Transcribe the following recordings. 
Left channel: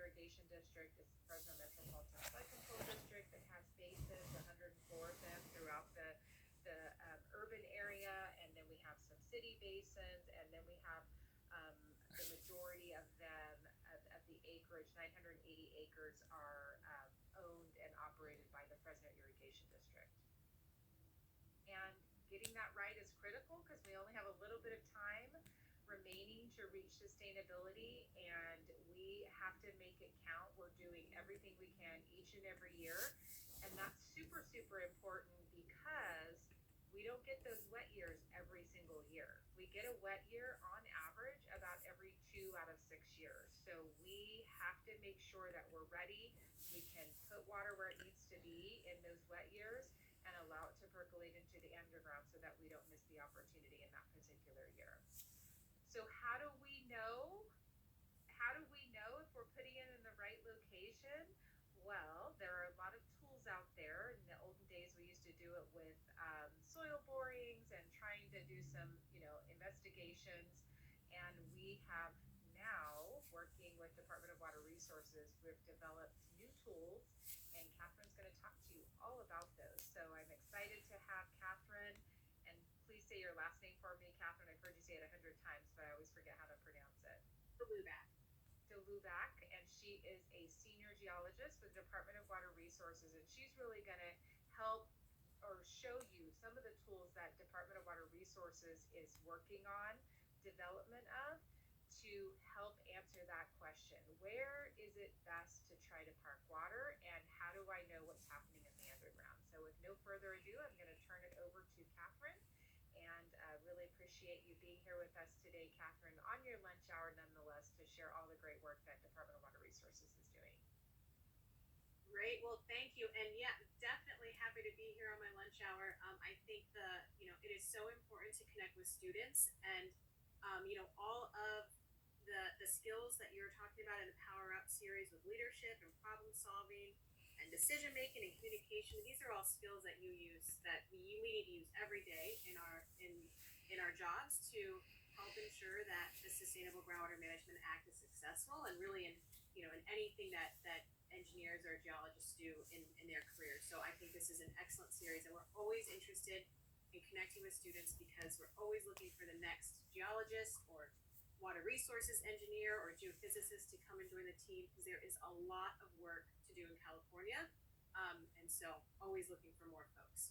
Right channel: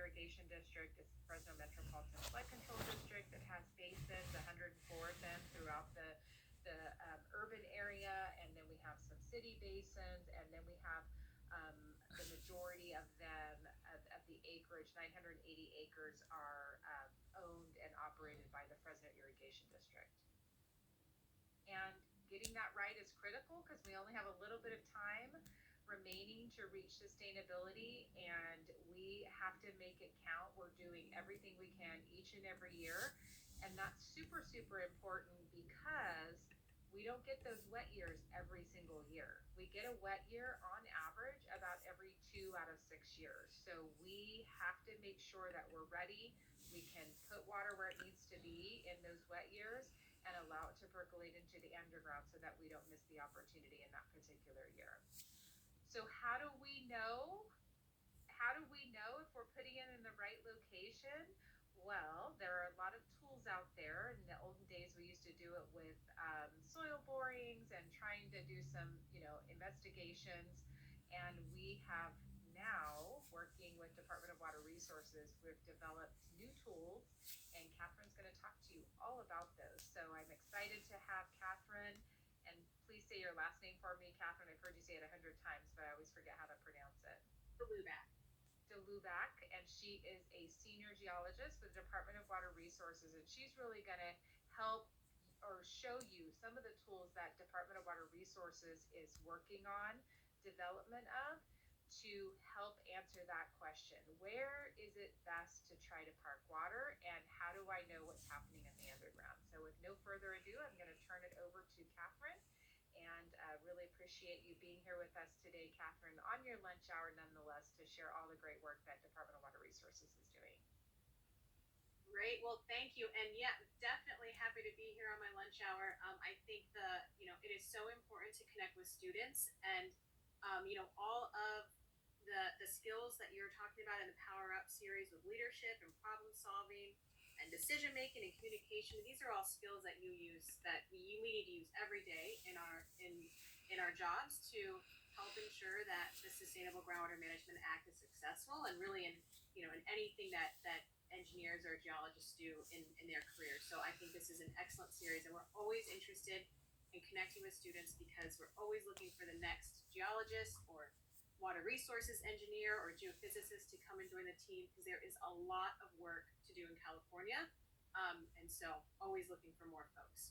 Irrigation District. It's the Fresno Metropolitan Flood Control District that has basins, 104 of them throughout the urban area, and then we have some city basins, and then we have the majority of them, of the acreage, 980 acres, are owned and operated by the Fresno Irrigation District. And getting that right is critical because we only have a little bit of time remaining to reach sustainability, and we have to make it count. We're doing everything we can each and every year, and that's super, super important because we don't get those wet years every single year. We get a wet year on average about every 2 out of 6 years. So we have to make sure that we're ready. We can put water where it needs to be in those wet years and allow it to percolate into the underground so that we don't miss the opportunity in that particular year. So how do we know if we're putting it in the right location? Well, there are a lot of tools out there. In the olden days, we used to do it with soil borings and trying to do some, investigations. And we have now, working with Department of Water Resources, we've developed new tools, and Catherine's going to talk to you all about those. So I'm excited to have Catherine, and please say your last name for me, Catherine. I've heard you say it 100 times, but I always forget how to pronounce it. Delubac, and she is a senior geologist with the Department of Water Resources, and she's really going to help or show you some of the tools that Department of Water Resources is working on development of to help answer that question. Where is it best to try to park water, and how do I know what's happening in the underground? So with no further ado, I'm going to turn it over to Catherine, and really appreciate you being here with us today, Catherine, on your lunch hour nonetheless, to share all the great work that Department of Water Resources is doing. Great. Well, thank you. And yeah, definitely happy to be here on my lunch hour. I think it is so important to connect with students, and all of the skills that you're talking about in the Power Up series with leadership and problem solving and decision making and communication. These are all skills that you use, that we need to use every day in our jobs to help ensure that the Sustainable Groundwater Management Act is successful, and really in anything that engineers or geologists do in their career. So I think this is an excellent series, and we're always interested in connecting with students because we're always looking for the next geologist or water resources engineer or geophysicist to come and join the team, because there is a lot of work to do in California, and so always looking for more folks.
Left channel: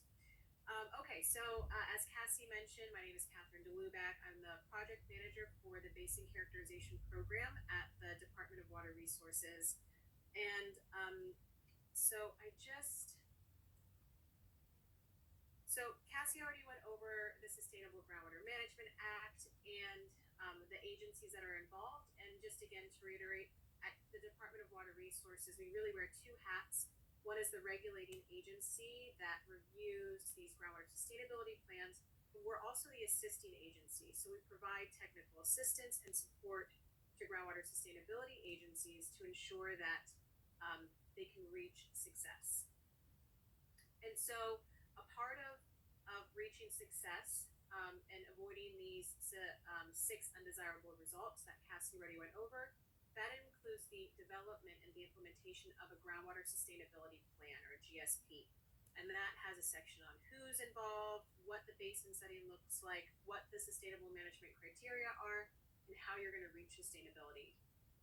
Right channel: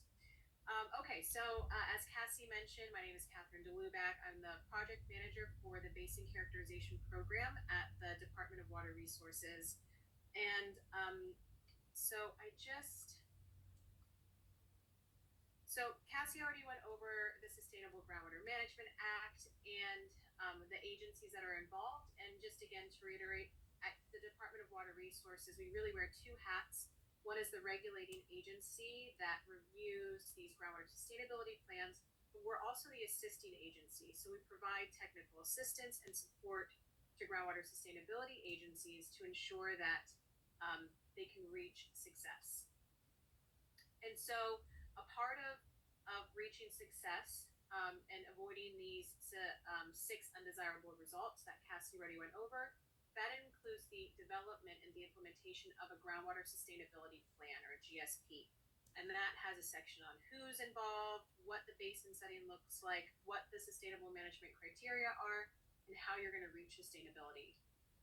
Okay, so as Cassie mentioned, my name is Catherine Delubac. I'm the project manager for the Basin Characterization Program at the Department of Water Resources, and so Cassie already went over the Sustainable Groundwater Management Act and the agencies that are involved. And just again to reiterate, at the Department of Water Resources, we really wear two hats. One is the regulating agency that reviews these groundwater sustainability plans, but we're also the assisting agency. So we provide technical assistance and support to groundwater sustainability agencies to ensure that they can reach success. And so a part of reaching success and avoiding these 6 undesirable results that Cassie already went over, that includes the development and the implementation of a groundwater sustainability plan, or a GSP. And that has a section on who's involved, what the basin setting looks like, what the sustainable management criteria are, and how you're going to reach sustainability.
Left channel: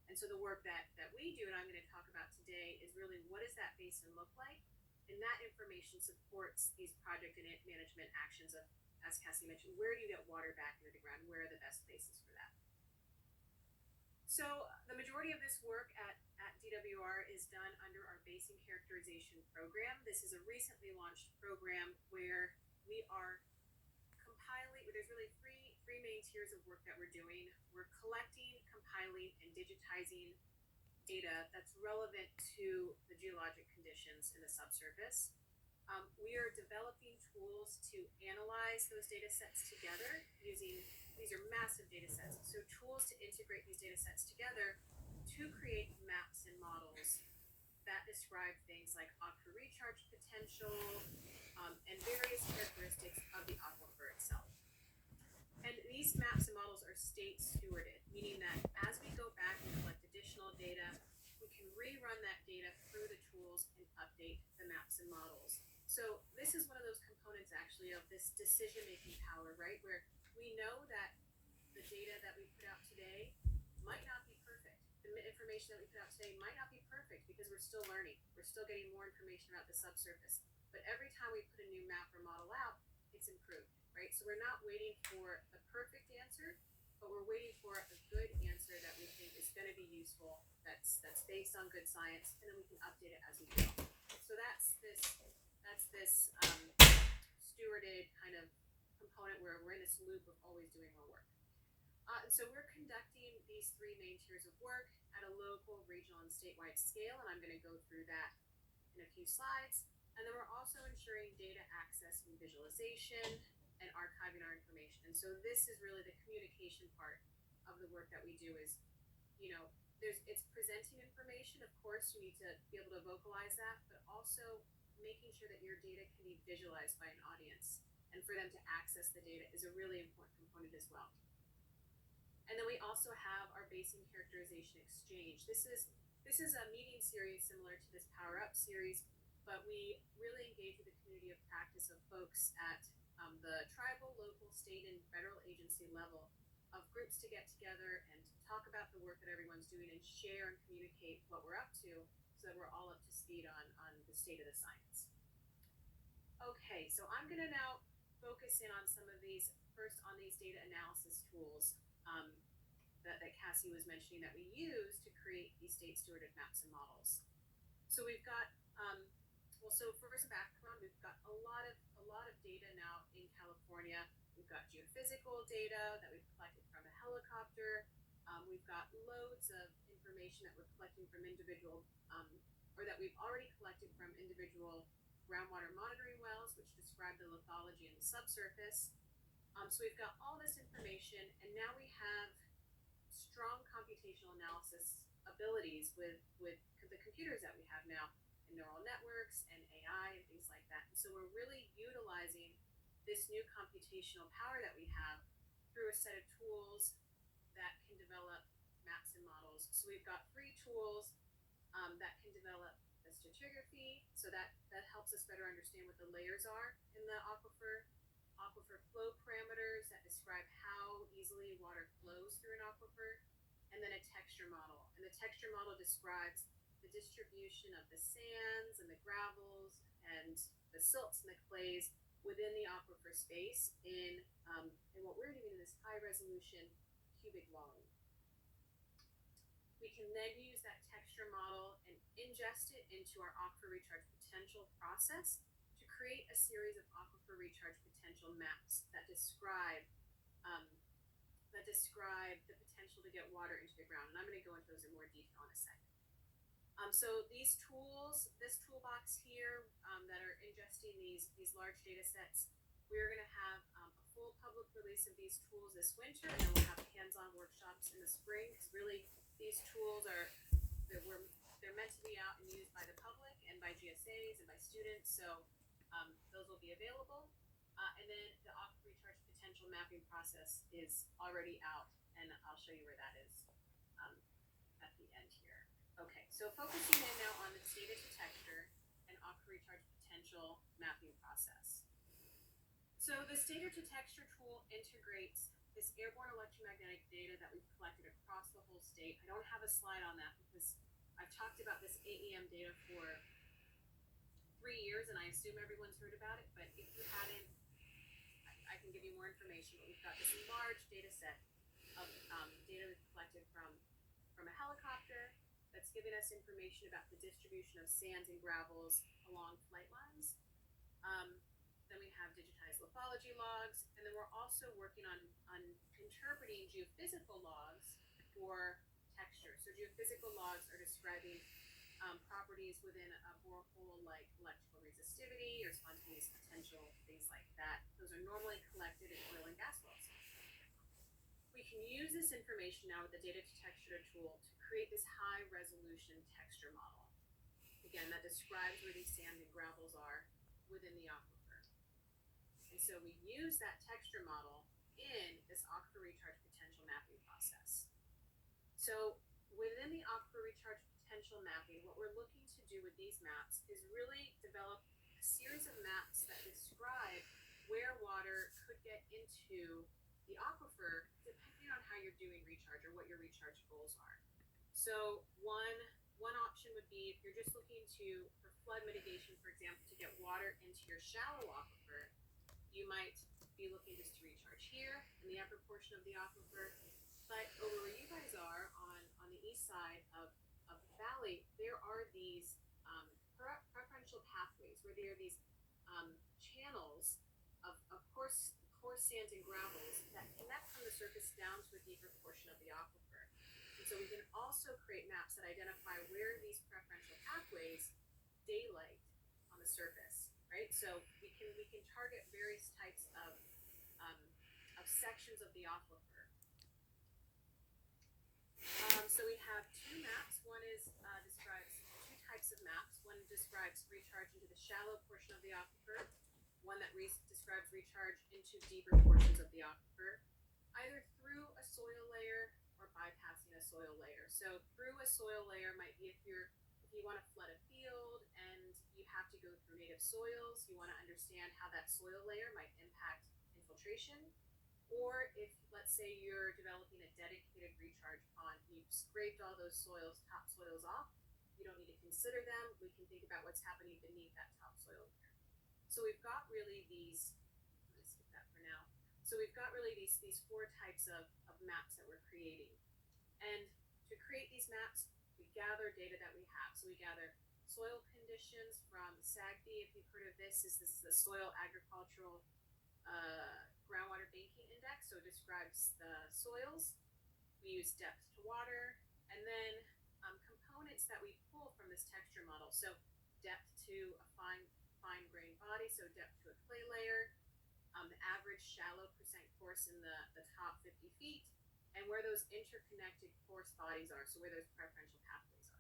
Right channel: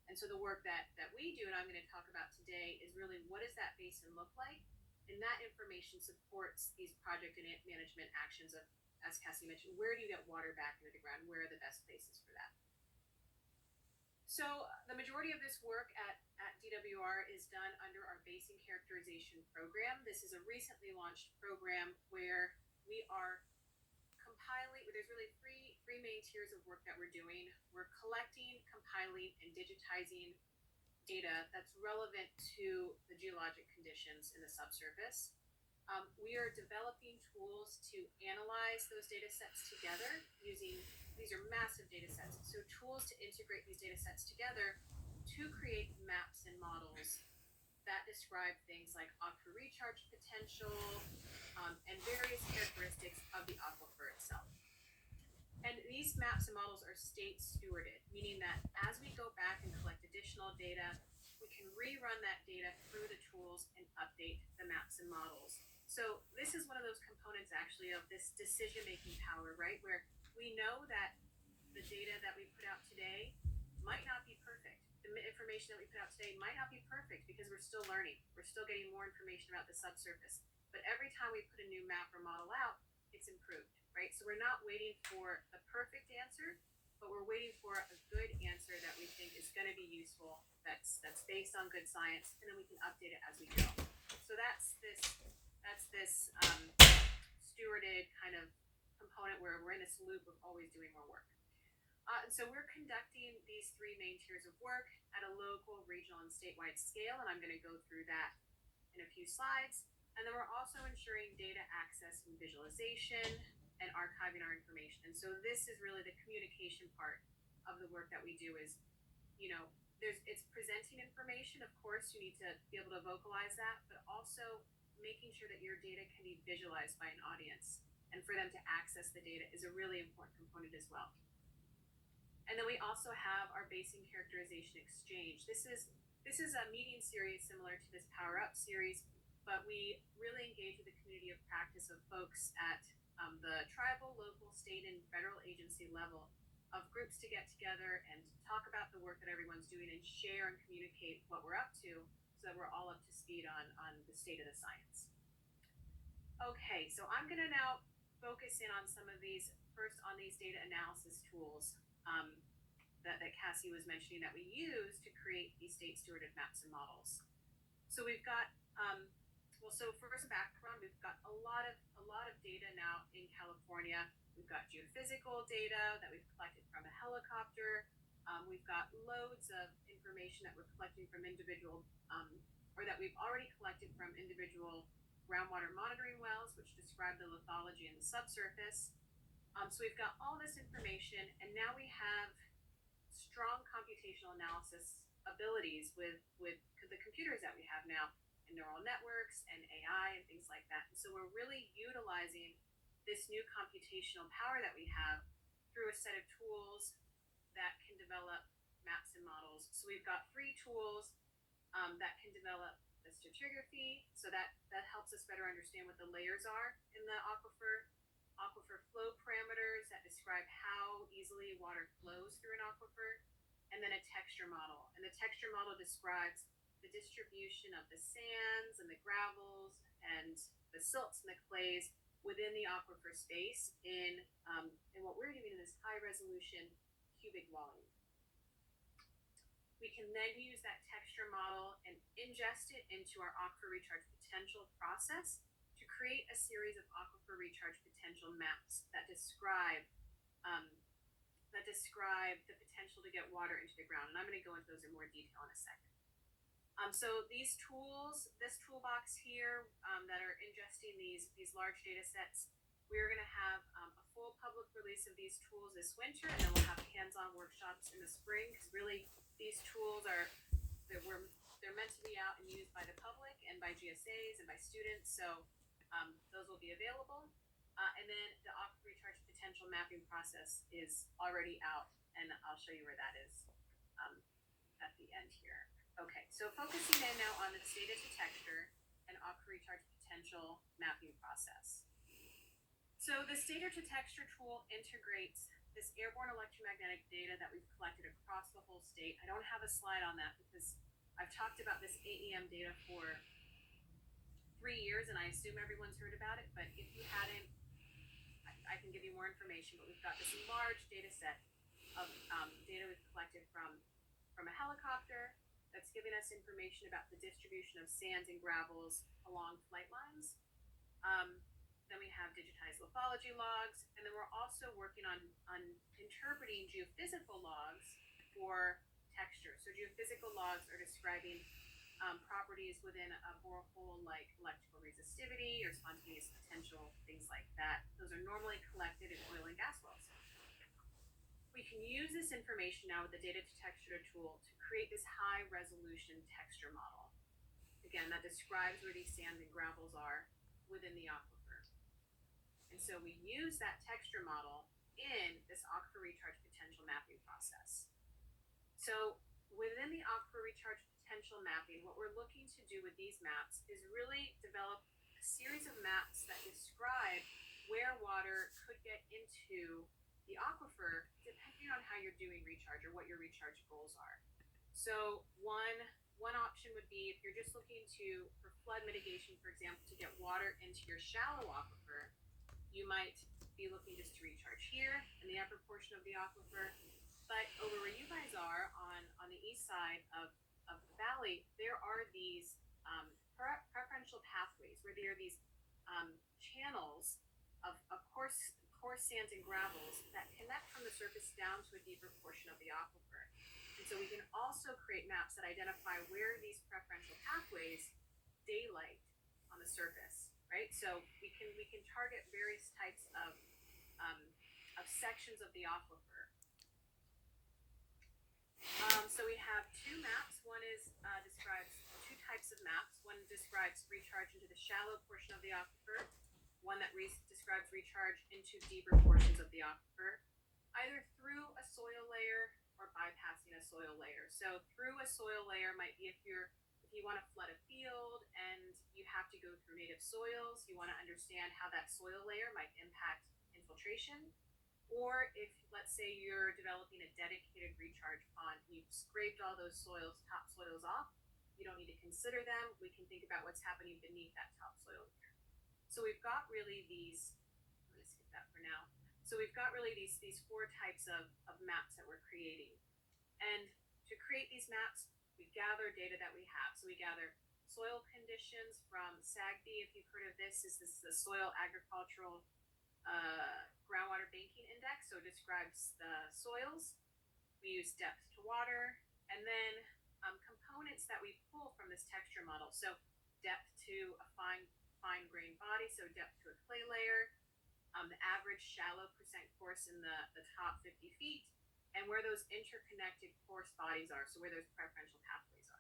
And so the work that we do, and I'm going to talk about today, is really what does that basin look like? And that information supports these project and management actions of, as Cassie mentioned, where do you get water back into the ground? Where are the best places for that? So the majority of this work at DWR is done under our Basin Characterization Program. This is a recently launched program where we are compiling, there's really three main tiers of work that we're doing. We're collecting, compiling, and digitizing data that's relevant to the geologic conditions in the subsurface. We are developing tools to analyze those data sets together using, these are massive data sets, so tools to integrate these data sets together to create maps and models that describe things like aquifer recharge potential and various characteristics of the aquifer itself. And these maps and models are state stewarded, meaning that as we go back and collect additional data, we we can rerun that data through the tools and update the maps and models. So this is one of those components actually of this decision-making power, right? Where we know that the data that we put out today might not be perfect. The information that we put out today might not be perfect because we're still learning. We're still getting more information about the subsurface. But every time we put a new map or model out, it's improved, right? So we're not waiting for the perfect answer, but we're waiting for a good answer that we think is going to be useful, that's based on good science, and then we can update it as we go. So that's this stewarded kind of component where we're in this loop of always doing more work. And so we're conducting these three main tiers of work at a local, regional, and statewide scale, and I'm going to go through that in a few slides. And then we're also ensuring data access and visualization and archiving our information. And so this is really the communication part of the work that we do is, it's presenting information. Of course, you need to be able to vocalize that, but also making sure that your data can be visualized by an audience. And for them to access the data is a really important component as well. And then we also have our basin characterization exchange. This is a meeting series similar to this Power Up series, but we really engage with the community of practice of folks at the tribal, local, state, and federal agency level of groups to get together and talk about the work that everyone's doing and share and communicate what we're up to so that we're all up to speed on the state of the science. Okay, so I'm going to now focus in on some of these, first on these data analysis tools that Cassie was mentioning that we use to create these state stewarded maps and models. So we've got, so for some background, we've got a lot of data now in California. We've got geophysical data that we've collected from a helicopter. We've got loads of information that we're collecting from individual, or that we've already collected from individual groundwater monitoring wells, which describe the lithology in the subsurface. So we've got all this information, and now we have strong computational analysis abilities with the computers that we have now, and neural networks and AI and things like that. And so we're really utilizing this new computational power that we have through a set of tools that can develop maps and models. So we've got 3 tools that can develop the stratigraphy, so that helps us better understand what the layers are in the aquifer flow parameters that describe how easily water flows through an aquifer, and then a texture model. And the texture model describes the distribution of the sands and the gravels and the silts and the clays within the aquifer space in what we're doing in this high resolution cubic volume. We can then use that texture model and ingest it into our aquifer recharge potential process to create a series of aquifer recharge potential maps that describe the potential to get water into the ground. And I'm going to go into those in more detail in a second. So these tools, this toolbox here that are ingesting these large data sets, we're going to have a full public release of these tools this winter, and then we'll have hands-on workshops in the spring, because really these tools they're meant to be out and used by the public and by GSAs and by students, so those will be available. And then the aquifer recharge potential mapping process is already out, and I'll show you where that is at the end here. Okay, so focusing in now on the data to texture and aquifer recharge potential mapping process. So the data to texture tool integrates this airborne electromagnetic data that we've collected across the whole state. I don't have a slide on that because I've talked about this AEM data for 3 years, and I assume everyone's heard about it, but if you hadn't, I can give you more information. But we've got this large data set of data we've collected from a helicopter that's giving us information about the distribution of sands and gravels along flight lines. Then we have digitized lithology logs, and then we're also working on interpreting geophysical logs for texture. So geophysical logs are describing properties within a borehole, like electrical resistivity or spontaneous potential, things like that. Those are normally collected in oil and gas wells. We can use this information now with the data to texture tool to create this high resolution texture model. Again, that describes where these sands and gravels are within the aquifer. And so we use that texture model in this aquifer recharge potential mapping process. So within the aquifer recharge potential mapping, what we're looking to do with these maps is really develop a series of maps that describe where water could get into the aquifer depending on how you're doing recharge or what your recharge goals are. So one option would be if you're just looking to for flood mitigation, for example, to get water into your shallow aquifer, you might be looking just to recharge here in the upper portion of the aquifer. But over where you guys are on the east side of the valley, there are these preferential pathways where there are these channels of coarse sands and gravels that connect from the surface down to a deeper portion of the aquifer. And so we can also create maps that identify where these preferential pathways daylight on the surface, right? So we can target various types of sections of the aquifer. So we have two maps. One describes two types of maps. One describes recharge into the shallow portion of the aquifer. One that describes recharge into deeper portions of the aquifer, either through a soil layer or bypassing a soil layer. So through a soil layer might be if you want to flood a field and you have to go through native soils, you want to understand how that soil layer might impact infiltration. Or if, let's say, you're developing a dedicated recharge pond, you've scraped all those topsoils off, you don't need to consider them. We can think about what's happening beneath that topsoil layer. So we've got really these, I'm going to skip that for now. So we've got really these four types of maps that we're creating. And to create these maps, we gather data that we have. So we gather soil conditions from SAGB. If you've heard of this is the Soil Agricultural Groundwater Banking Index. So it describes the soils. We use depth to water, and then components that we pull from this texture model. So depth to a fine grained body, so depth to a clay layer, the average shallow percent coarse in the top 50 feet, and where those interconnected coarse bodies are, so where those preferential pathways are.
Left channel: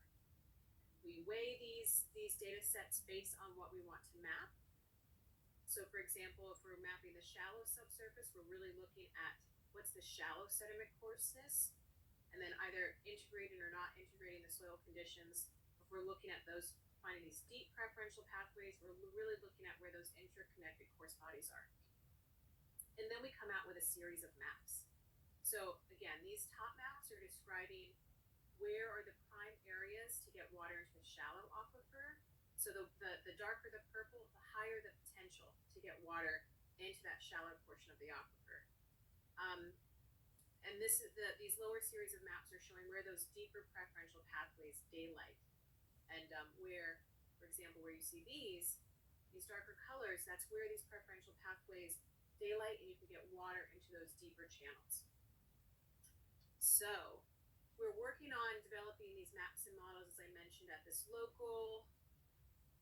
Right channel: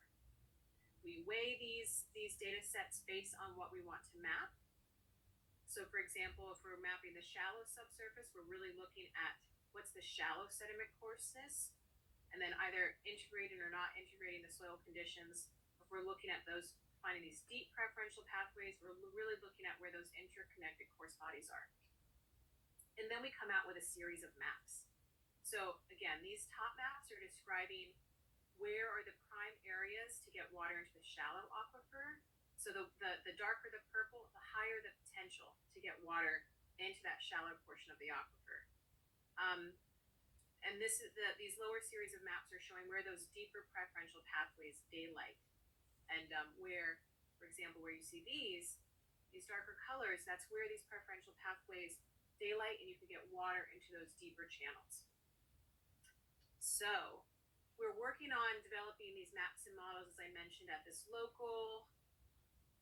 We weigh these data sets based on what we want to map. So for example, if we're mapping the shallow subsurface, we're really looking at what's the shallow sediment coarseness, and then either integrating or not integrating the soil conditions. If we're looking at those, finding these deep preferential pathways, we're really looking at where those interconnected coarse bodies are. And then we come out with a series of maps. So again, these top maps are describing where are the prime areas to get water into the shallow aquifer. So the darker the purple, the higher the potential to get water into that shallow portion of the aquifer. And these lower series of maps are showing where those deeper preferential pathways daylight. And where, for example, where you see these darker colors, that's where these preferential pathways daylight and you can get water into those deeper channels. So we're working on developing these maps and models, as I mentioned, at this local,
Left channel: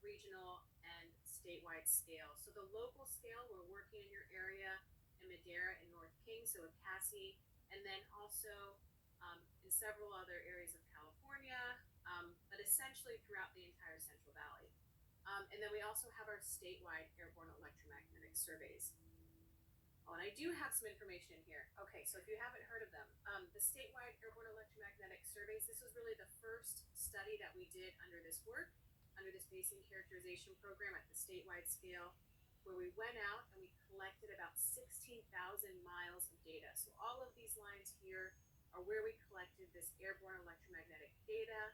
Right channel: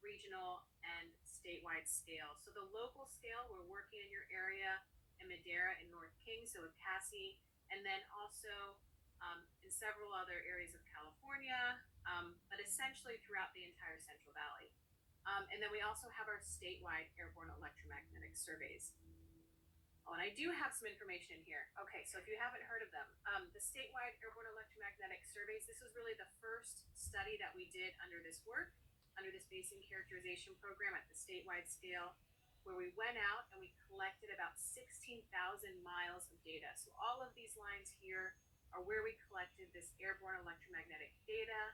regional, and statewide scale. So the local scale, we're working in your area in Madera and North King, so with Cassie, and then also in several other areas of California, but essentially throughout the entire Central Valley. And then we also have our statewide airborne electromagnetic surveys. Oh, and I do have some information in here. Okay, so if you haven't heard of them, the statewide airborne electromagnetic surveys, this was really the first study that we did under this work, under this basin characterization program at the statewide scale, where we went out and we collected about 16,000 miles of data. So all of these lines here are where we collected this airborne electromagnetic data,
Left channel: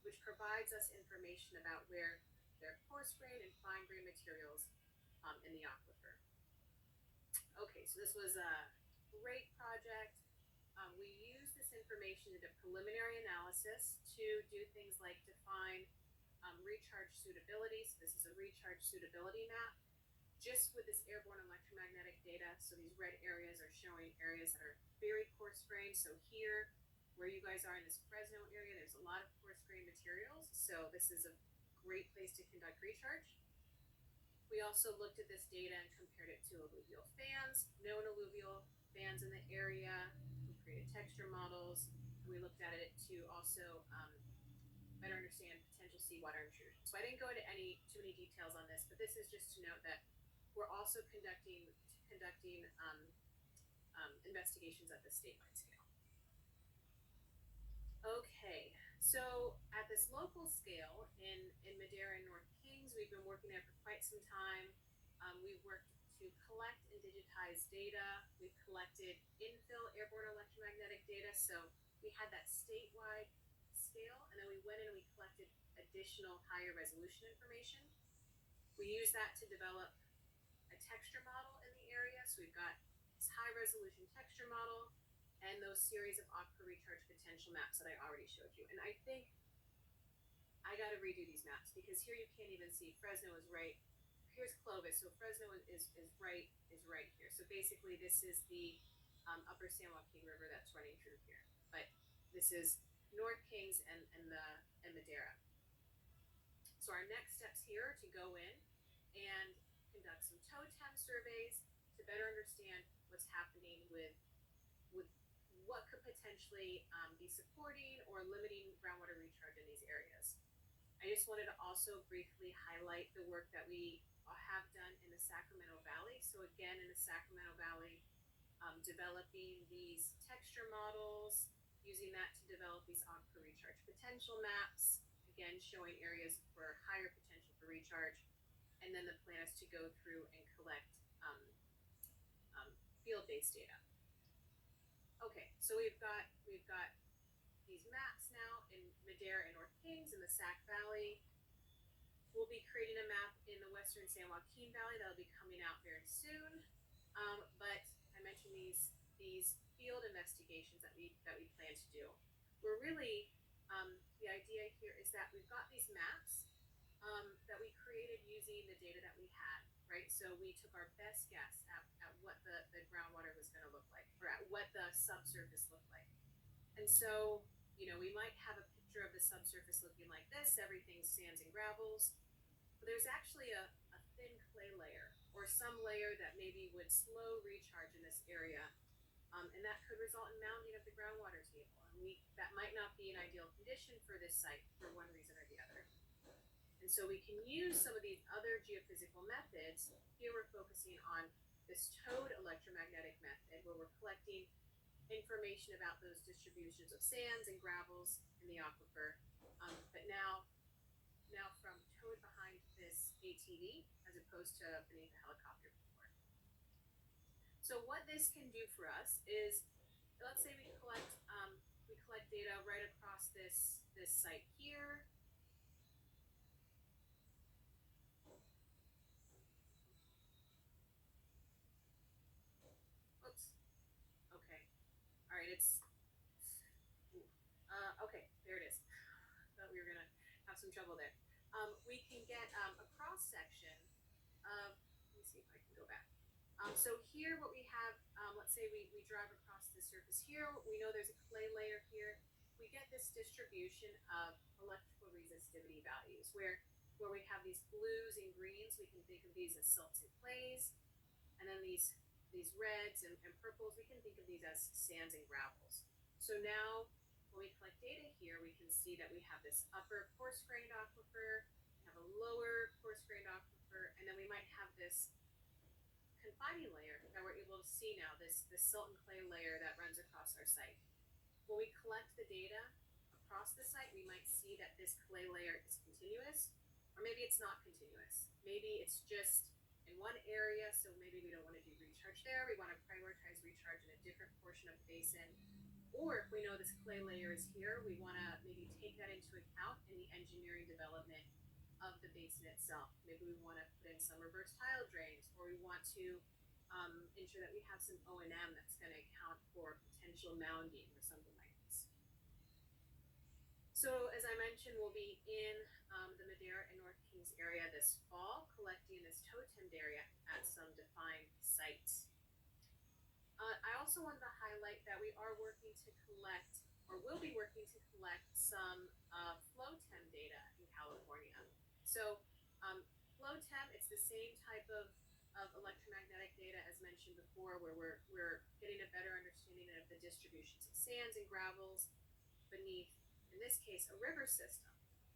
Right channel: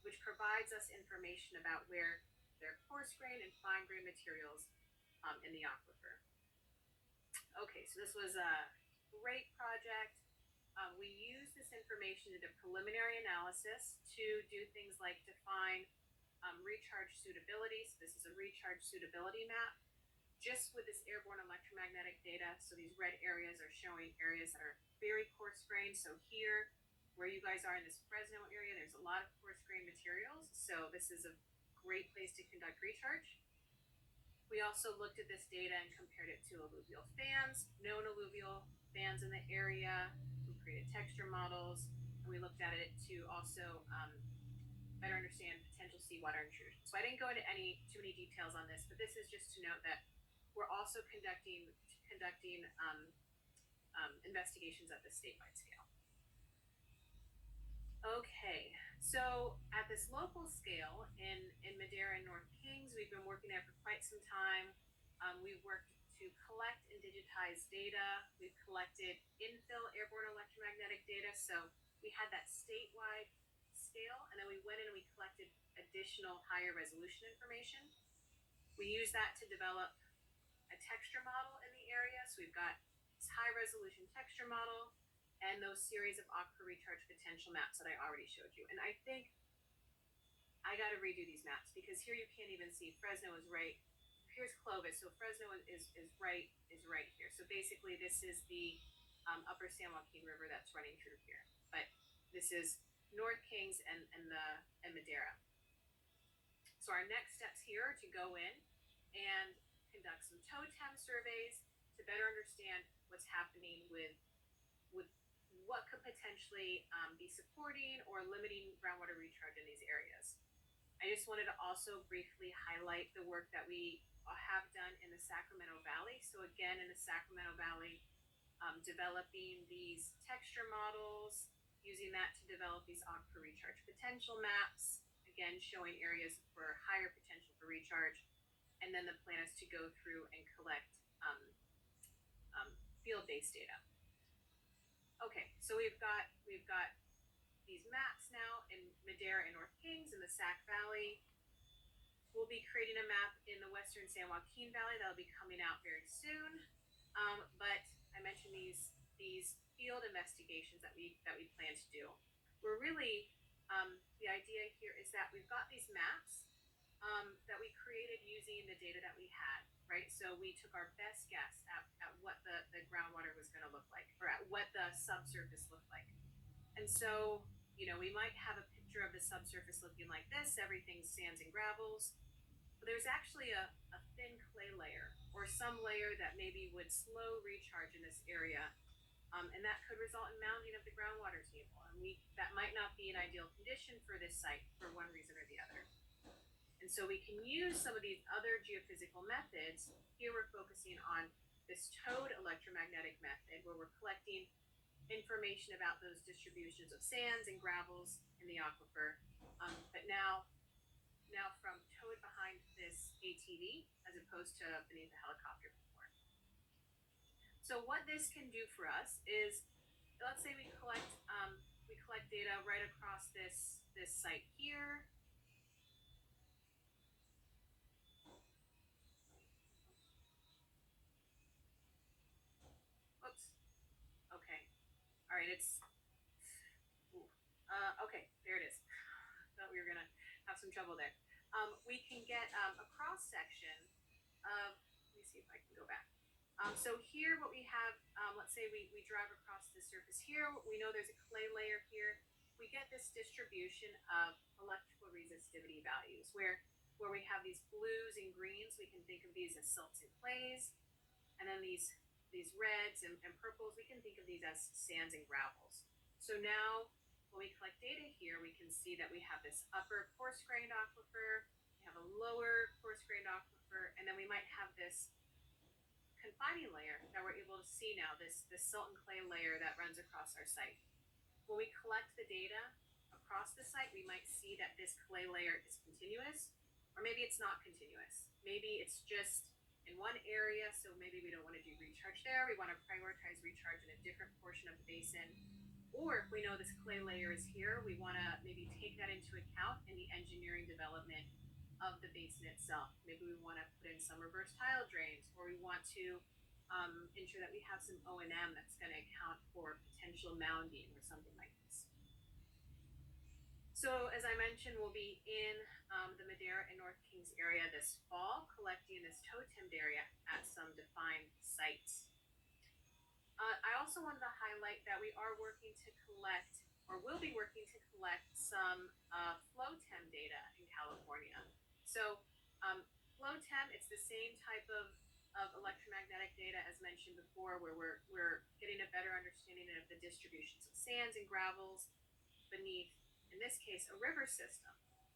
which provides us information about where there are coarse grain and fine grain materials in the aquifer. Okay, so this was a great project. We used this information to do preliminary analysis to do things like define recharge suitability. So this is a recharge suitability map just with this airborne electromagnetic data. So these red areas are showing areas that are very coarse grained. So here, where you guys are in this Fresno area, there's a lot of coarse grained materials. So this is a great place to conduct recharge. We also looked at this data and compared it to alluvial fans, known alluvial fans in the area. We created texture models, and we looked at it to also better understand potential seawater intrusion. So I didn't go into too many details on this, but this is just to note that we're also conducting investigations at the statewide scale. Okay, So at this local scale in Madeira and North Kings, we've been working there for quite some time. We've worked to collect and digitize data. We've collected infill airborne electromagnetic data. So we had that statewide scale, and then we went in and we collected additional higher resolution information. We used that to develop a texture model in the area. So we've got this high resolution texture model and those series of aquifer recharge potential maps that I already showed you. And I think I got to redo these maps because here you can't even see Fresno is right. Here's Clovis, so Fresno is right here. So basically, this is the Upper San Joaquin River that's running through here. But this is North Kings and Madeira. So our next steps here are to go in and conduct some totem surveys to better understand what's happening with what could potentially be supporting or limiting groundwater recharge in these areas. I just wanted to also briefly highlight the work that we have done in the Sacramento Valley. So again, in the Sacramento Valley, developing these texture models, using that to develop these aquifer recharge potential maps, again, showing areas for higher potential for recharge. And then the plan is to go through and collect field-based data. Okay, so we've got these maps now in Madeira and North Kings in the Sac Valley. We'll be creating a map in the Western San Joaquin Valley that'll be coming out very soon. But I mentioned these field investigations that we plan to do. We're really the idea here is that we've got these maps that we created using the data that we had, right? So we took our best guess at what the groundwater was going to look like, or at what the subsurface looked like. And so, we might have a picture of the subsurface looking like this, everything's sands and gravels, but there's actually a thin clay layer, or some layer that maybe would slow recharge in this area, and that could result in mounding of the groundwater table. And that might not be an ideal condition for this site for one reason or the other. And so we can use some of these other geophysical methods. Here we're focusing on this towed electromagnetic method where we're collecting information about those distributions of sands and gravels in the aquifer. But now from towed behind this ATV as opposed to beneath the helicopter before. So what this can do for us is, let's say we collect data right across this site here. Oops. Okay. All right. Okay. There it is. Thought we were gonna have some trouble there. We can get a cross section of. Let me see if I can go back. So here, what we have, let's say we drive across the surface here. We know there's a clay layer here. We get this distribution of electrical resistivity values where we have these blues and greens. We can think of these as silts and clays, and then these reds and purples, we can think of these as sands and gravels. So now when we collect data here, we can see that we have this upper coarse-grained aquifer, we have a lower coarse-grained aquifer, and then we might have this confining layer that we're able to see now, this silt and clay layer that runs across our site. When we collect the data across the site, we might see that this clay layer is continuous, or maybe it's not continuous. Maybe it's just in one area, so maybe we don't want to do recharge there. We want to prioritize recharge in a different portion of the basin. Or if we know this clay layer is here, we want to maybe take that into account in the engineering development of the basin itself. Maybe we want to put in some reverse tile drains, or we want to ensure that we have some O&M that's going to account for potential mounding or something like this. So as I mentioned, we'll be in the Madeira and North Kings area this fall, collecting this totemed area at some defined sites. I also wanted to highlight that we are working to collect, or will be working to collect, some flow tem data in California. So flow tem, it's the same type of electromagnetic data as mentioned before, where we're getting a better understanding of the distributions of sands and gravels beneath, in this case, a river system.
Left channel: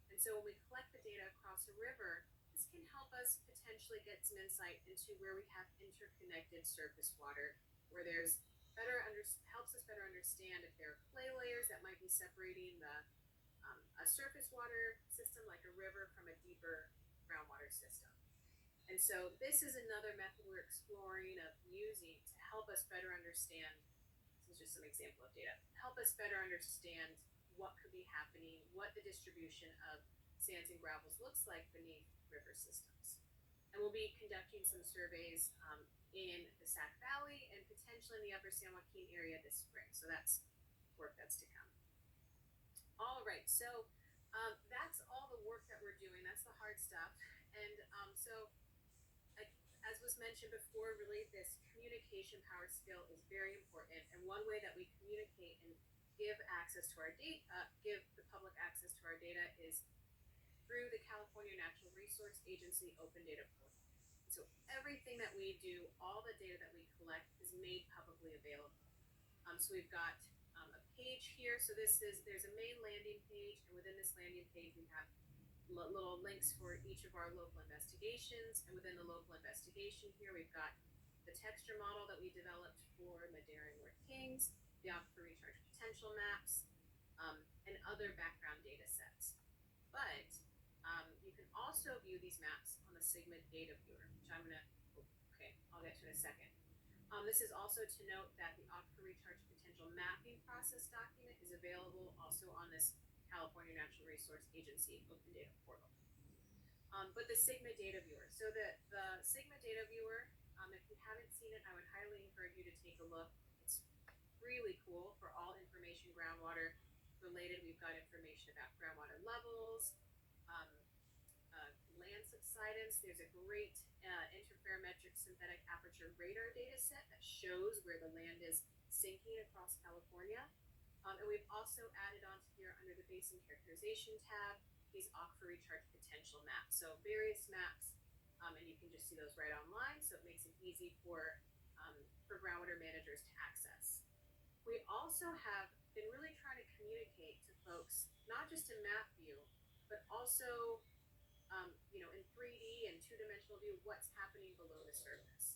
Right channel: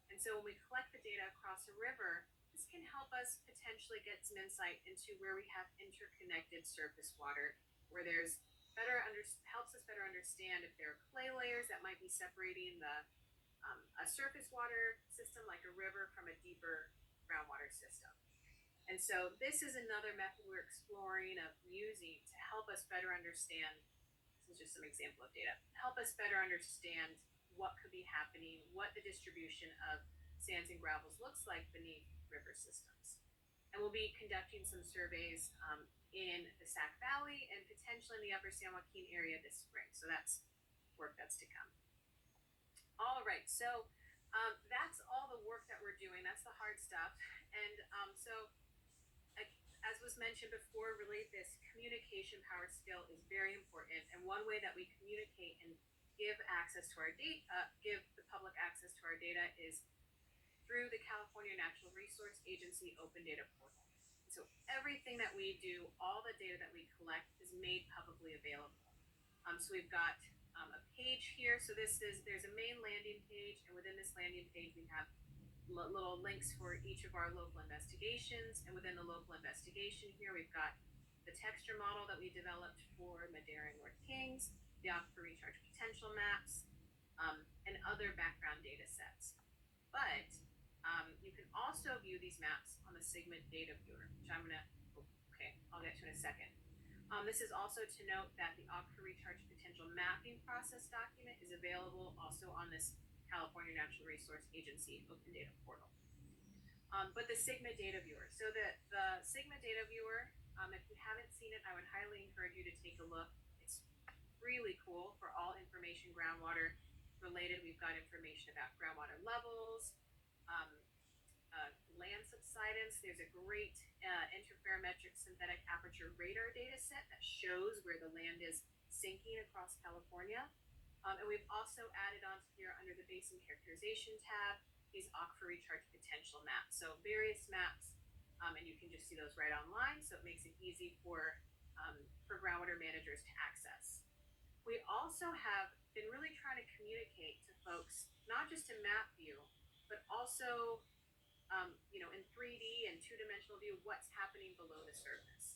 And so when we collect the data across a river, this can help us potentially get some insight into where we have interconnected surface water, where there's helps us better understand if there are clay layers that might be separating the a surface water system like a river from a deeper groundwater system. And so this is another method we're exploring of using to help us better understand. This is just some example of data. Help us better understand what could be happening, what the distribution of sands and gravels looks like beneath river systems. And we'll be conducting some surveys in the Sac Valley and potentially in the Upper San Joaquin area this spring. So that's work that's to come. All right, so that's all the work that we're doing. That's the hard stuff. And so as was mentioned before, really this communication power skill is very important. And one way that we communicate and give access to our data, give the public access to our data is through the California Natural Resource Agency Open Data Portal. So everything that we do, all the data that we collect is made publicly available. So we've got a page here. So there's a main landing page, and within this landing page we have little links for each of our local investigations, and within the local investigation here we've got the texture model that we developed for Madera and North Kings, the aquifer recharge potential maps, and other background data sets. But you can also view these maps on the Sigma data viewer, which I'll get to in a second. This is also to note that the aquifer recharge potential mapping process document is available also on this California Natural Resource Agency Open Data Portal. But the Sigma data viewer. So the Sigma data viewer, if you haven't seen it, I would highly encourage you to take a look. It's really cool for all information groundwater related. We've got information about groundwater levels, land subsidence. There's a great interferometric synthetic aperture radar data set that shows where the land is sinking across California. And we've also added onto here under the basin characterization tab these aquifer recharge potential maps. So various maps, and you can just see those right online. So it makes it easy for groundwater managers to access. We also have been really trying to communicate to folks, not just in map view, but also in 3D and two-dimensional view, what's happening below the surface.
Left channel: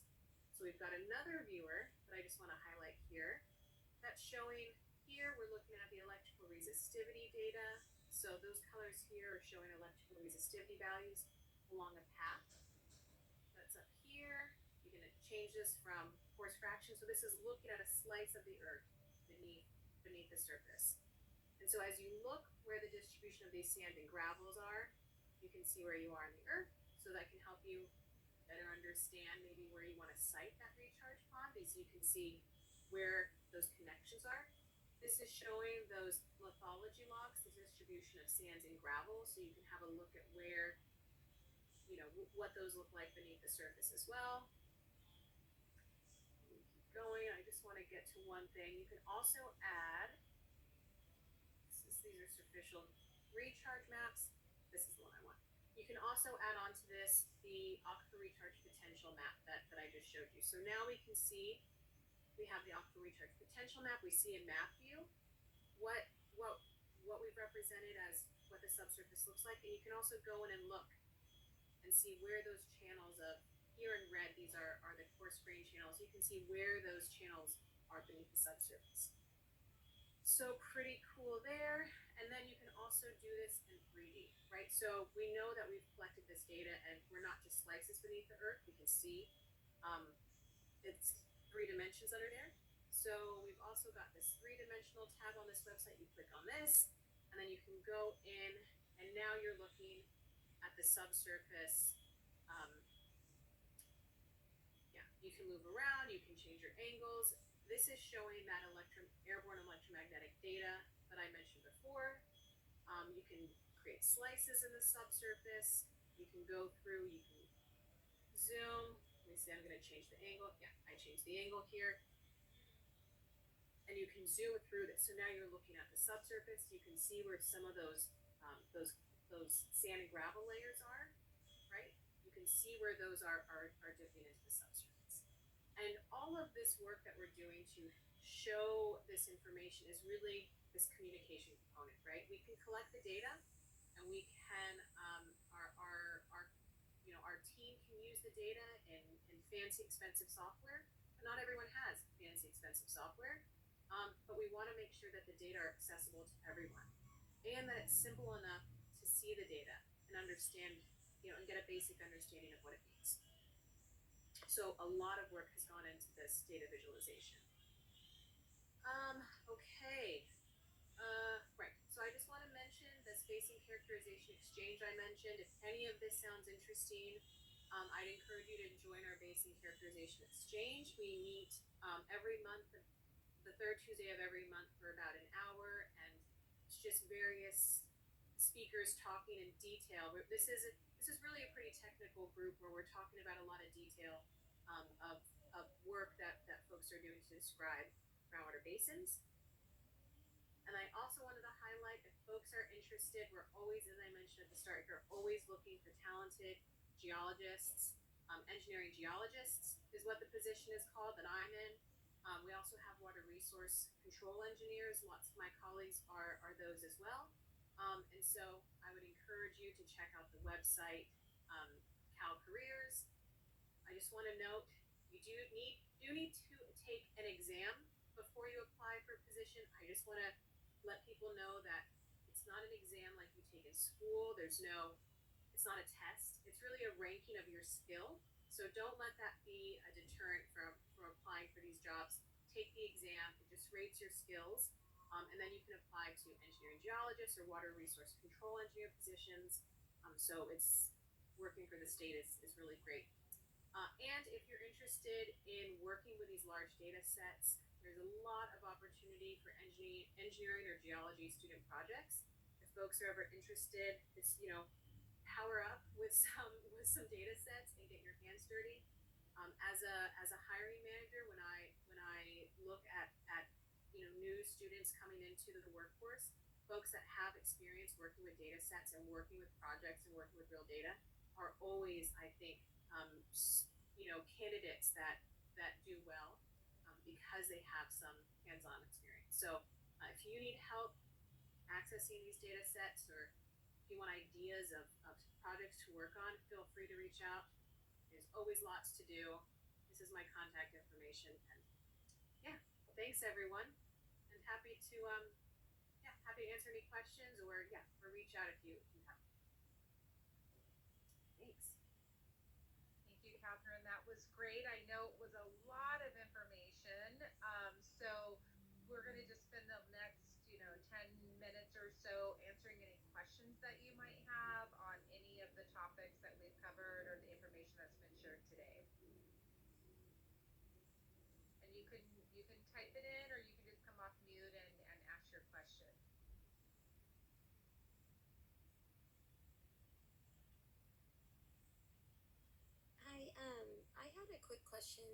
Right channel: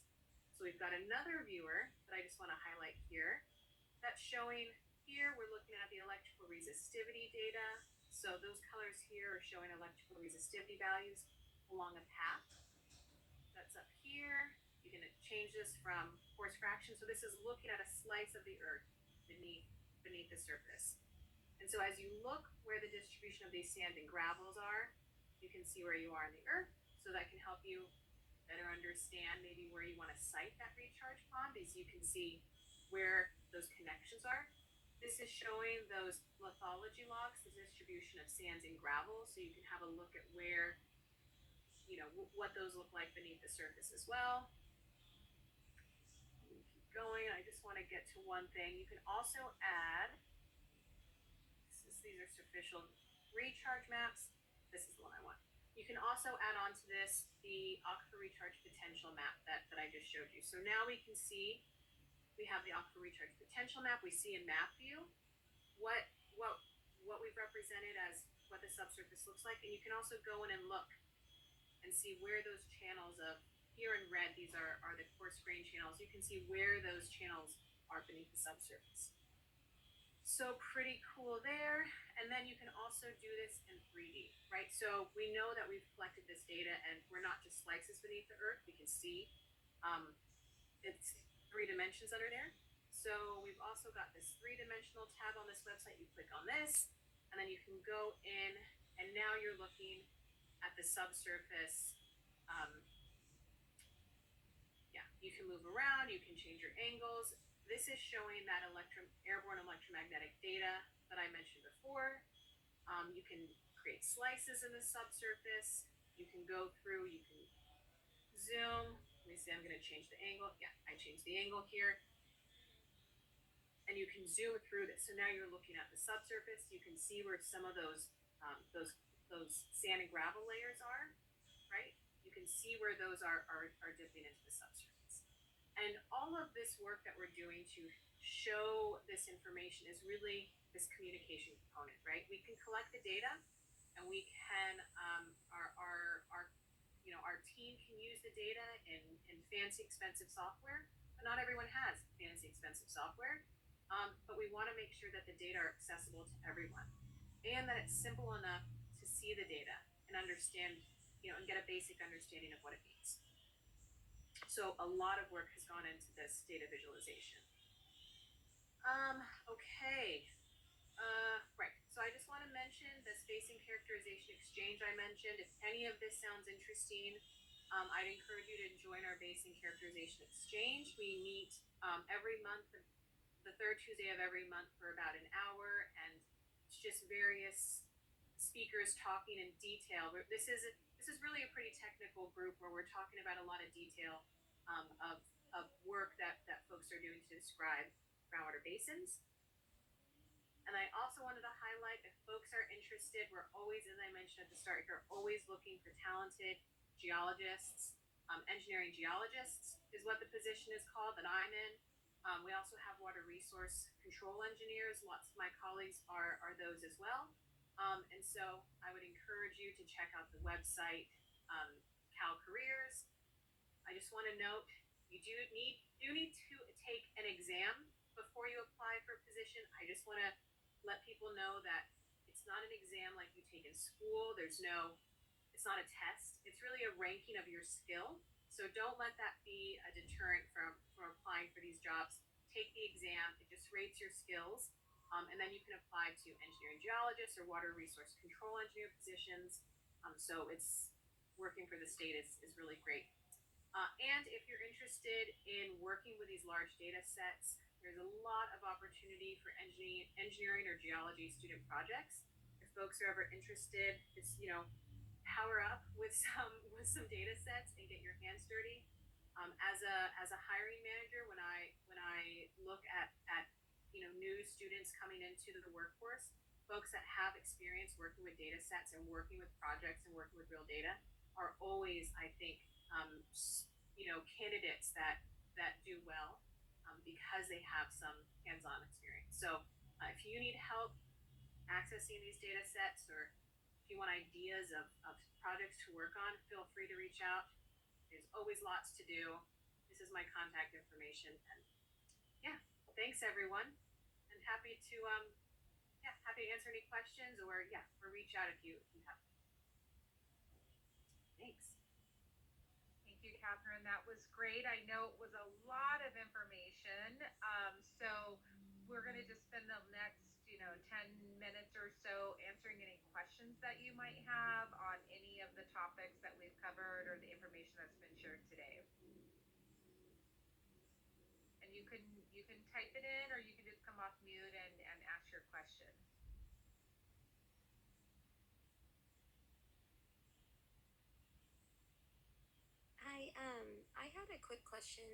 So we've got another viewer that I just want to highlight here that's showing. Here we're looking at the electrical resistivity data. So those colors here are showing electrical resistivity values along a path. That's up here. You can change this from force fraction. So this is looking at a slice of the earth beneath the surface. And so as you look where the distribution of these sand and gravels are, you can see where you are in the earth. So that can help you better understand maybe where you want to site that recharge pond, because you can see where those connections are. This is showing those lithology logs, the distribution of sands and gravel, so you can have a look at where, what those look like beneath the surface as well. Keep going. I just want to get to one thing. You can also add, these are superficial recharge maps. This is the one I want. You can also add on to this the aquifer recharge potential map that I just showed you. So now we can see, we have the aquifer recharge potential map. We see in map view what we've represented as what the subsurface looks like, and you can also go in and look and see where those channels of, here in red, these are the coarse grain channels. You can see where those channels are beneath the subsurface. So pretty cool there. And then you can also do this in 3D, right? So we know that we've collected this data and we're not just slices beneath the earth. We can see it's 3 dimensions under there. So we've also got this 3-dimensional tab on this website. You click on this, and then you can go in, and now you're looking at the subsurface. You can move around, you can change your angles. This is showing that airborne electromagnetic data that I mentioned before. You can create slices in the subsurface. You can go through, you can zoom. Let me see, I'm going to change the angle. Yeah, I changed the angle here. And you can zoom through this. So now you're looking at the subsurface. You can see where some of those sand and gravel layers are, right? You can see where those are dipping into the subsurface. And all of this work that we're doing to show this information is really this communication component, right? We can collect the data, and we can our team can use the data in fancy, expensive software. But not everyone has fancy, expensive software. But we want to make sure that the data are accessible to everyone. and that it's simple enough to see the data and understand, and get a basic understanding of what it means. So a lot of work has gone into this data visualization. Okay. Right. So I just want to mention the spacing characterization exchange I mentioned. If any of this sounds interesting, I'd encourage you to join our basing characterization exchange. We meet every month, the third Tuesday of every month for about an hour, and it's just various speakers talking in detail. This is really a pretty technical group where we're talking about a lot of detail of work that folks are doing to describe groundwater basins. And I also wanted to highlight, if folks are interested, we're always, as I mentioned at the start, we're always looking for talented geologists. Engineering geologists is what the position is called that I'm in. We also have water resource control engineers. Lots of my colleagues are those as well. And so I would encourage you to check out the website, Cal Careers. I just want to note, you do need to take an exam before you apply for a position. I just want to let people know that it's not an exam like you take in school. It's not a test. It's really a ranking of your skill. So don't let that be a deterrent from applying for these jobs. Take the exam. It just rates your skills. And then you can apply to engineering geologists or water resource control engineer positions. So it's working for the state is really great. And if you're interested in working with these large data sets, there's a lot of opportunity for engineering or geology student projects. If folks are ever interested, it's, power up with some data sets and get your hands dirty. As a hiring manager, when I look at new students coming into the workforce, folks that have experience working with data sets and working with projects and working with real data are always, I think, candidates that do well because they have some hands-on experience. So if you need help accessing these data sets, or if you want ideas of projects to work on, feel free to reach out. There's always lots to do. This is my contact information. And yeah, thanks everyone. And happy to answer any questions, or reach out if you have. Thanks. Thank you, Catherine. That was great. I know it was a lot of information. So we're going to just spend the next, 10 minutes or so answering any questions that you might have on any of the topics that we've covered or the information that's been shared today. And you can type it in, or you can just come off mute and ask your question. Hi, I had a quick question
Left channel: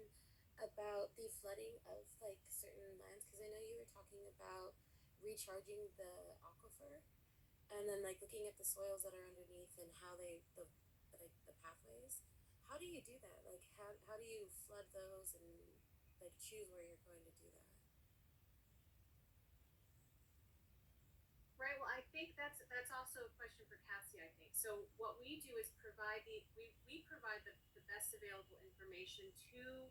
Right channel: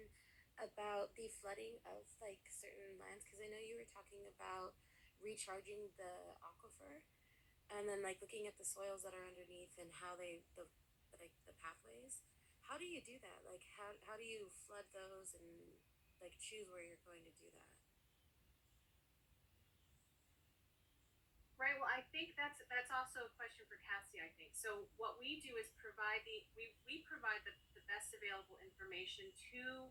about the flooding of like certain lands because I know you were talking about recharging the aquifer and then like looking at the soils that are underneath and how the pathways. How do you do that? Like how do you flood those and like choose where you're going to do that? Right. Well, I think that's also a question for Cassie, I think. So what we do is we provide the best available information to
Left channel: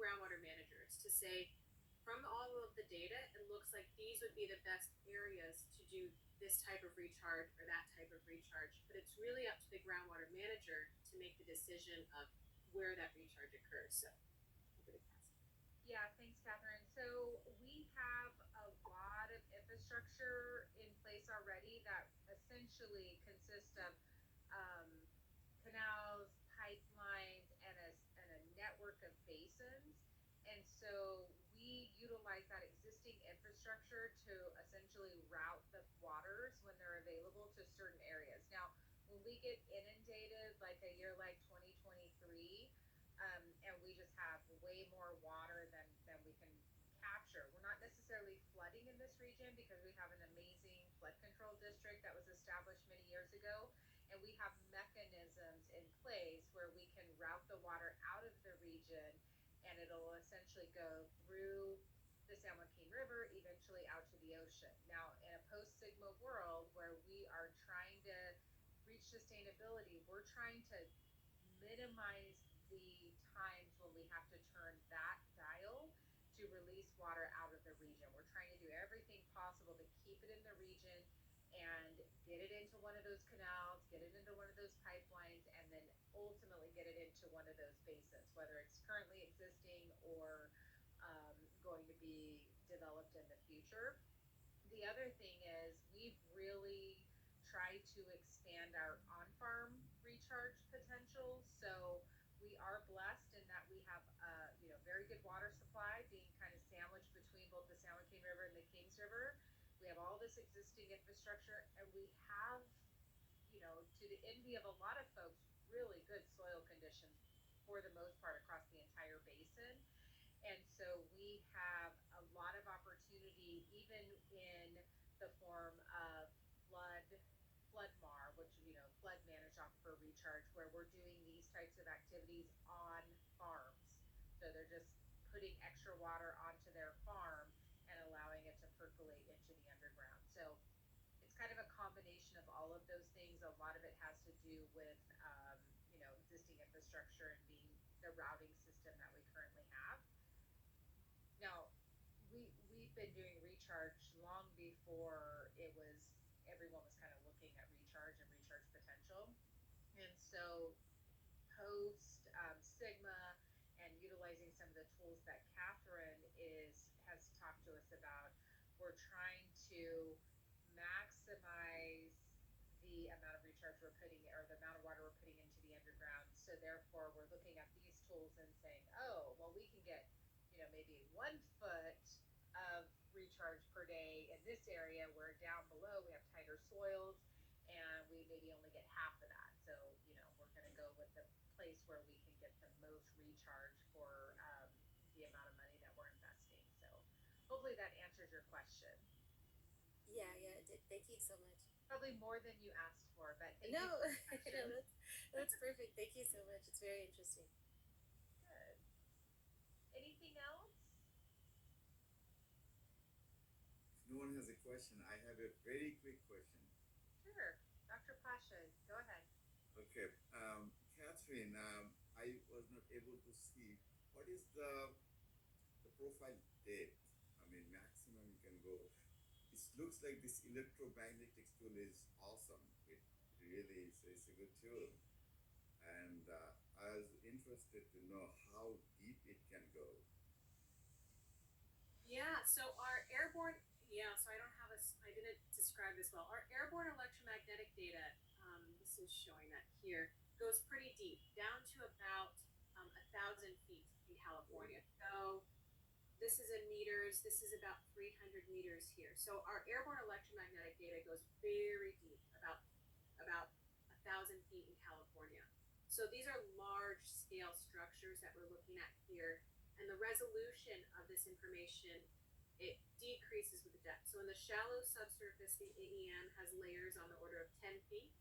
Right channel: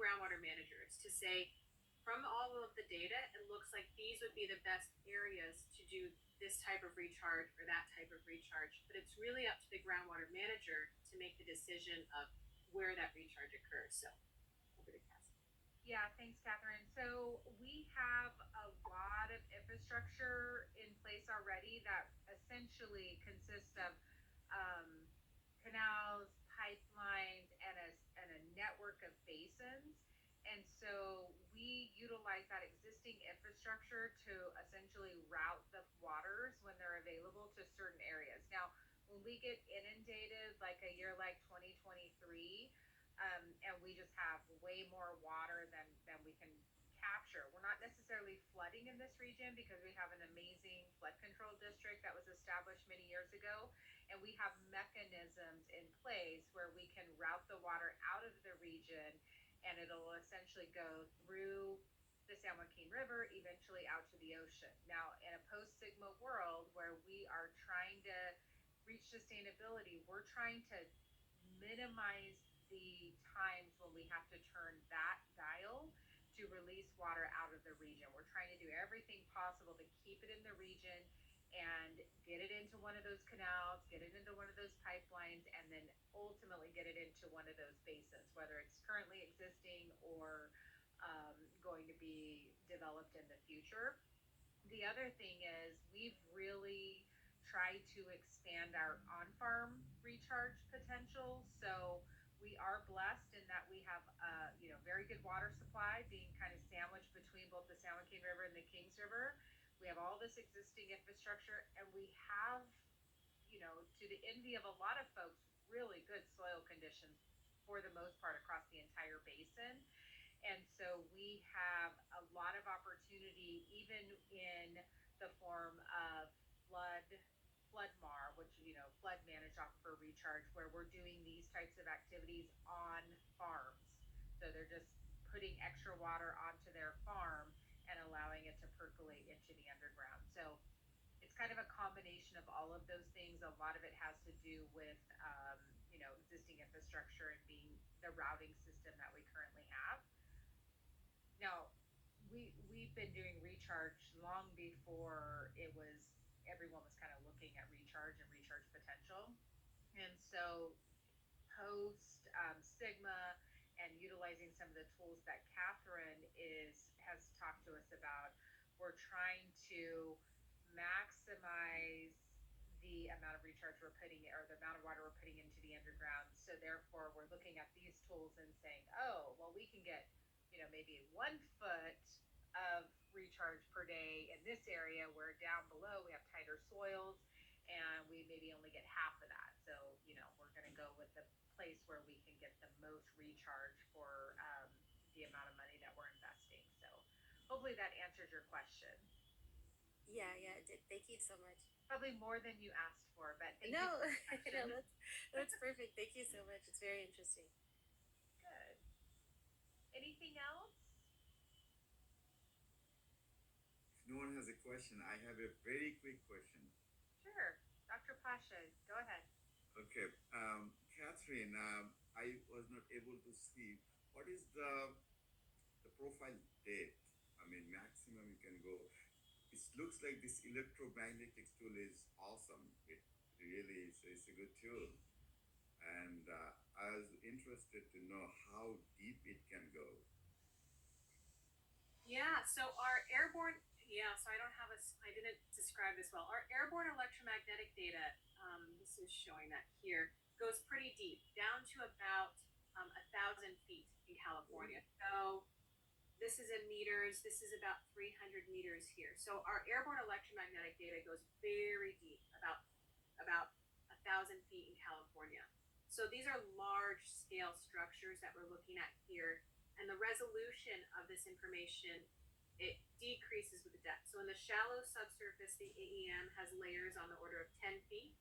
groundwater managers to say, from all of the data, it looks like these would be the best areas to do this type of recharge or that type of recharge. But it's really up to the groundwater manager to make the decision of where that recharge occurs. So over to Cassie. Yeah, thanks, Catherine. So we have a lot of infrastructure in place already that essentially consists of um, canals, pipelines, and a network of basins. And so we utilize that existing infrastructure to essentially route the waters when they're available to certain areas. Now, when we get inundated, like a year like 2023, and we just have way more water than we can capture. We're not necessarily flooding in this region because we have an amazing flood control district that was established many years ago, and we have mechanisms in place where we can route the water out of the region, and it'll essentially go through the San Joaquin River, eventually out to the ocean. Now, in a post-Sigma world where we are trying to reach sustainability, we're trying to minimize the times when we have to turn that dial to release water out of the region. We're trying to do everything possible to keep it in the region and get it into one of those canals, get it into one of those pipelines, and then ultimately get it into one of those basins, whether it's currently existing or going to be developed in the future. The other thing is we've really tried to expand our on-farm recharge potential. So we are blessed in that we have very good water supply, being kind of sandwiched between both the San Joaquin River and the Kings River. We have all this existing infrastructure, and we have, to the envy of a lot of folks, really good soil conditions for the most part across the entire basin. And so we have a lot of opportunity, even in the form of flood, flood mar, which, flood managed aquifer recharge, where we're doing these types of activities on farms. So they're just putting extra water onto their farm and allowing it to percolate into the underground. So it's kind of a combination of all of those things. A lot of it has to do with, existing infrastructure and being the routing system that we currently have. Now, we've been doing recharge long before everyone was kind of looking at recharge and recharge potential. And so post Sigma and utilizing some of the tools that Catherine is has talked to us about, we're trying to maximize the amount of recharge we're putting or the amount of water we're putting into the underground. So therefore we're looking at these tools and saying, oh, well, we can get, maybe 1 foot of recharge per day in this area, where down below we have tighter soils and we maybe only get half of that. So, we're going to go with the place where we can get the most recharge for the amount of money that we're investing. So hopefully that answers your question. Yeah, yeah, it did. Thank you so much. Probably more than you asked for, but thank No, you for the question. no, that's perfect. Thank you so much. It's very interesting. Good. Anything else? If no one has a question, I have a very quick question. Sure. Dr. Pasha, go ahead. Okay, Catherine, I was not able to see what is the profile depth. I mean, maximum you can go. It looks like this electromagnetic tool is awesome. It really is. It's a good tool, and I was interested to know how deep it can go. Yeah, so our airborne, so I don't have I didn't describe this well. Our airborne electromagnetic data, this is showing that here, goes pretty deep, down to about 1,000 feet in California. So this is in meters, this is about 300 meters here. So our airborne electromagnetic data goes very deep, about 1,000 feet in California. So these are large scale structures that we're looking at here, and the resolution of this information, it decreases with the depth. So in the shallow subsurface, the AEM has layers on the order of 10 feet.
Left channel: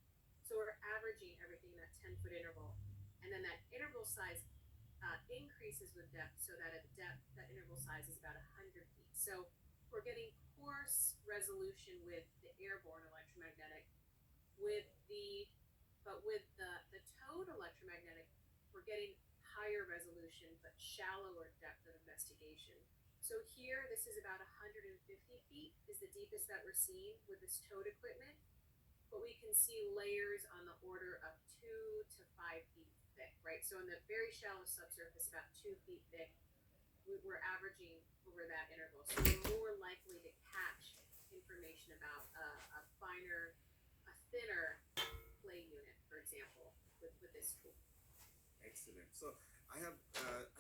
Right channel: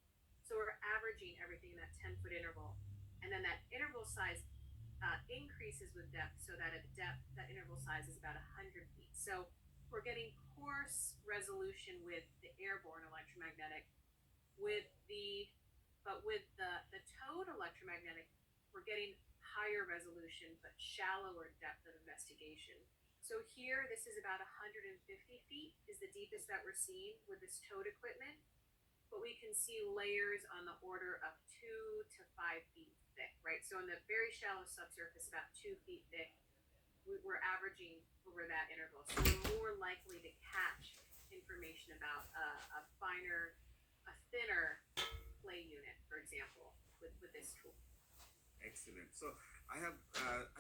So we're averaging everything in that 10-foot interval. And then that interval size increases with depth, so that at depth, that interval size is about 100 feet. So we're getting coarse resolution with the airborne electromagnetic. With the towed electromagnetic, we're getting higher resolution but shallower depth of investigation. So here, this is about 150 feet is the deepest that we're seeing with this towed equipment, but we can see layers on the order of 2 to 5 feet thick, right? So in the very shallow subsurface, about 2 feet thick, we're averaging over that interval. So we're more likely to catch information about a thinner play unit, for example, with this tool. Excellent. So I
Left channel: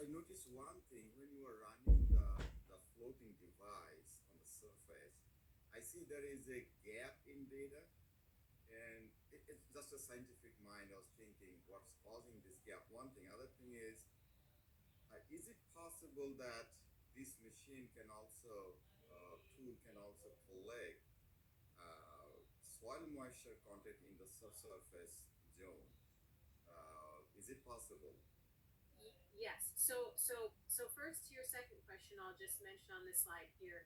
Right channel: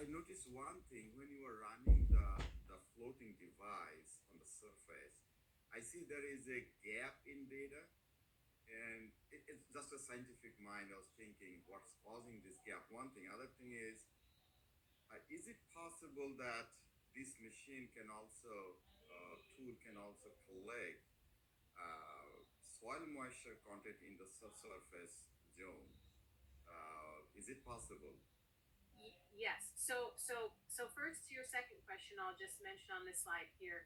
noticed one thing when you were running the floating device on the surface. I see there is a gap in data, and it's just a scientific mind. I was thinking, what's causing this gap? One thing. Other thing is it possible that this machine can also tool can also collect soil moisture content in the subsurface zone? Is it possible? Yes. So first to your second question, I'll just mention on this slide here.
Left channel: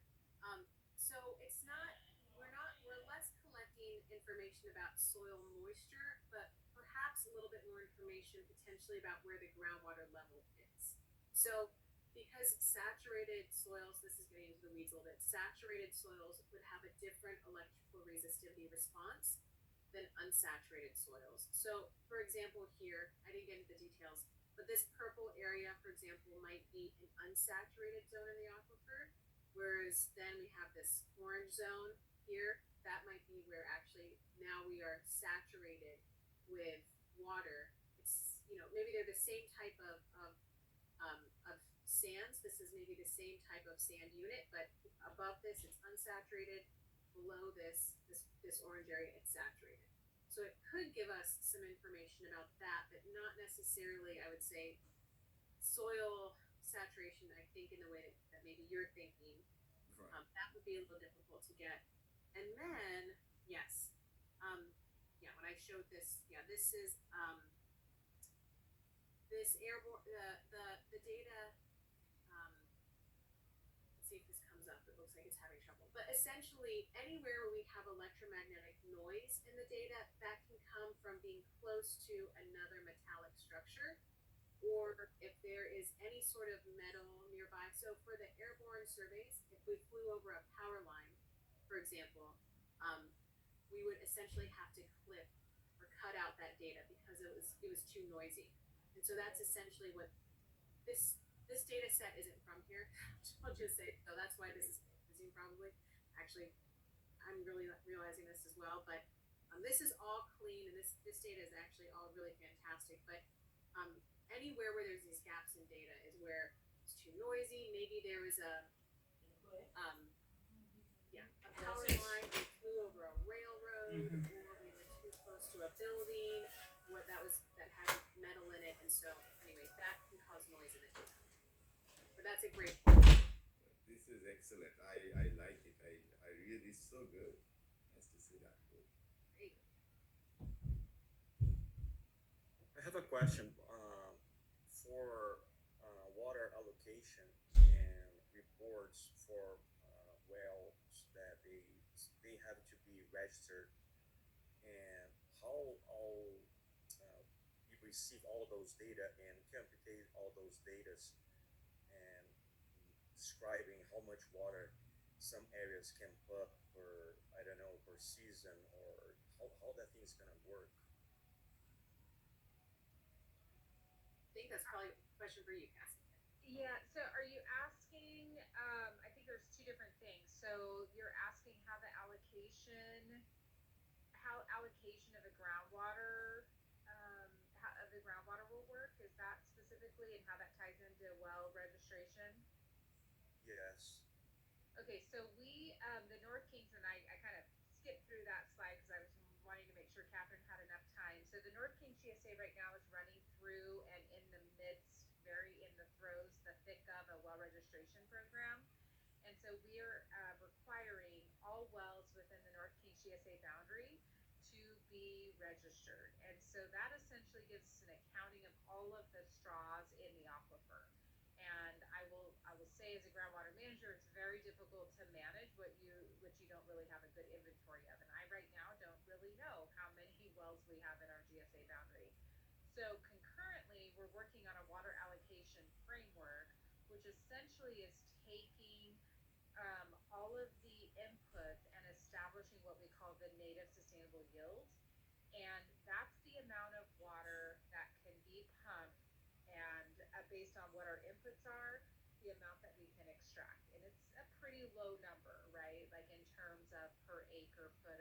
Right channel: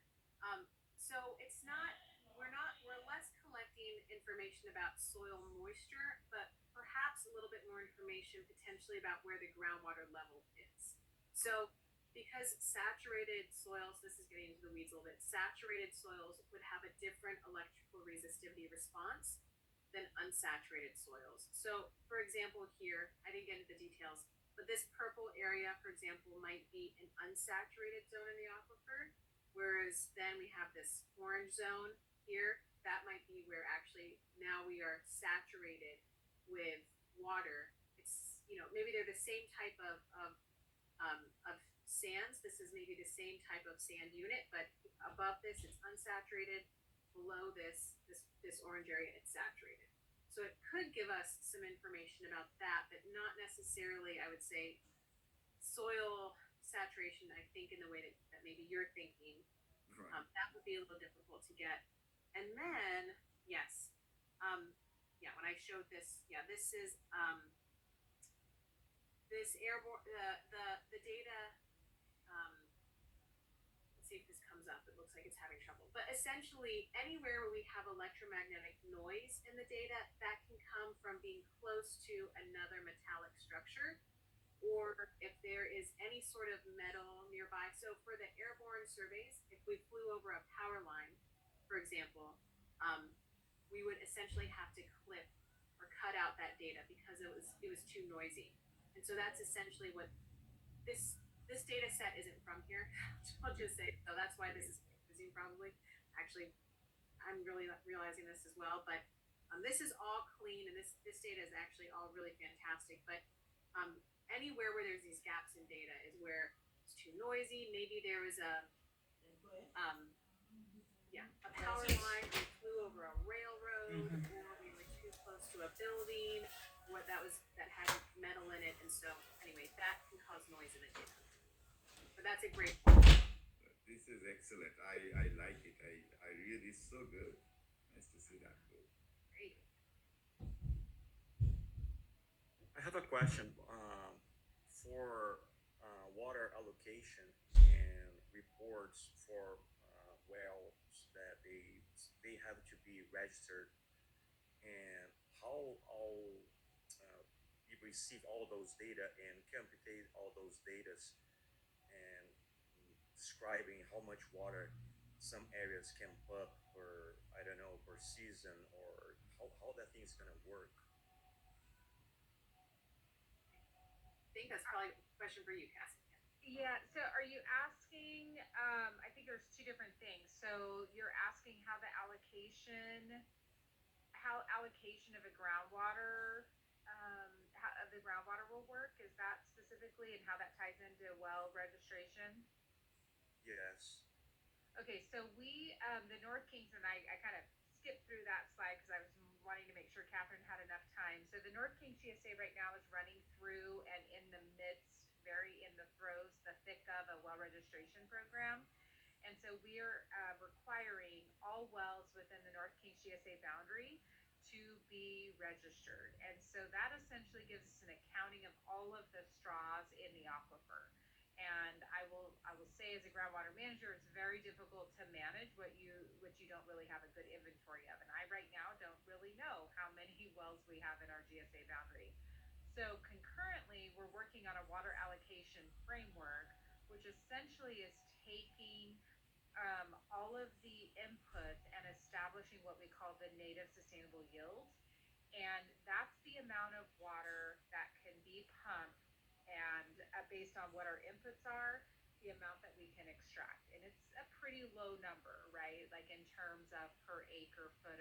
So it's not we're less collecting information about soil moisture, but perhaps a little bit more information potentially about where the groundwater level is. So because saturated soils, this is getting into the weeds a little bit, saturated soils would have a different electrical resistivity response than unsaturated soils. So, for example, here, I didn't get into the details, but this purple area, for example, might be an unsaturated zone in the aquifer, whereas then we have this orange zone here. That might be where actually now we are saturated with water. It's, maybe they're the same type of sands. This is maybe the same type of sand unit, but above this it's unsaturated. Below this orange area, it's saturated. So it could give us some information about that, but not necessarily, I would say, soil saturation. I think in the way that maybe you're thinking, Right. that would be a little difficult to get. And then, yes, yeah, when I showed this, yeah, this is this airborne the data. Let's see if this comes up. It looks like it's having trouble. But essentially, anywhere where we have electromagnetic noise in the data, that can come from being close to another metallic structure, or if there is any sort of metal nearby. So for the airborne surveys, if we flew over a power line, for example, we would essentially have to clip or cut out that data because it was too noisy. And so that's essentially what this data set isn't from here. I'll just say, so that's why this is confusing probably. Actually, I'm really realizing this as well, but this is all clean, and this data is actually all really fantastic. But anywhere where there's these gaps in data is where it's too noisy. Maybe there was a power line, we flew over a railroad, or we were too close to a building, that had metal in it, and so anyway, that can cause noise in the data. But that's a great point. This is excellent. I like it. I really so good. Nice to see that. Good. Great. I have a question for water allocation and reports for wells that they have to be registered, and how all you receive all those data and computate all those data and describing how much water some areas can put per, I don't know, per season, or how that thing's gonna work. I think that's probably a question for you, Cassie. Yeah, so are you asking, I think there's two different things. So you're asking how allocation of a groundwater, how, of the groundwater will work? Is that specifically, and how that ties into well registration? Yes. Okay, so the North Kings, and I kind of skipped through that slide because I was wanting to make sure Catherine had enough time. So the North Kings GSA right now is running through and in the midst, very in the throes, the thick of a well registration program. And so we're requiring all wells within the North Kings GSA boundary to be registered. And so that essentially gives us an accounting of all of the straws in the aquifer. And I will say, as a groundwater manager, it's very difficult to manage what you don't really have a good inventory of. And I right now don't really know how many wells we have in our GSA boundary. So concurrently, we're working on a water allocation framework, which essentially is taking all of the inputs and establishing what we call the native sustainable yield. And that's the amount of water that can be pumped, and based on what our inputs are, the amount that we can extract. And it's a pretty low number, right? Like in terms of per acre foot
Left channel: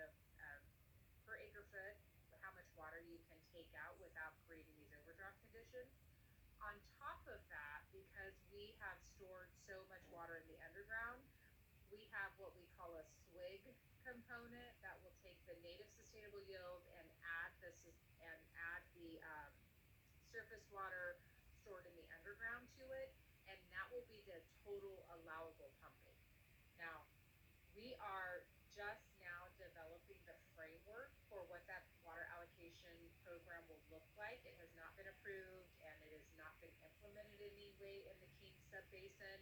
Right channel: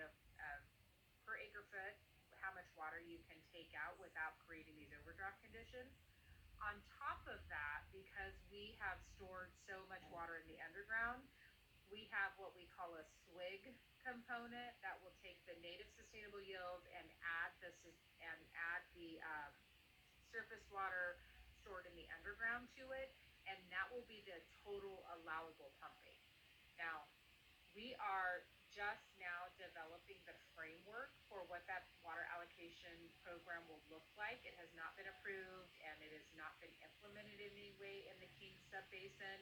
how much water you can take out without creating these overdraft conditions. On top of that, because we have stored so much water in the underground, we have what we call a SWIG component that will take the native sustainable yield and add the surface water stored in the underground to it, and that will be the total allowable pumping. Now, we are just now developing the framework for what that water allocation program will look like. It has not been approved, and it has not been implemented in any way in the King Subbasin.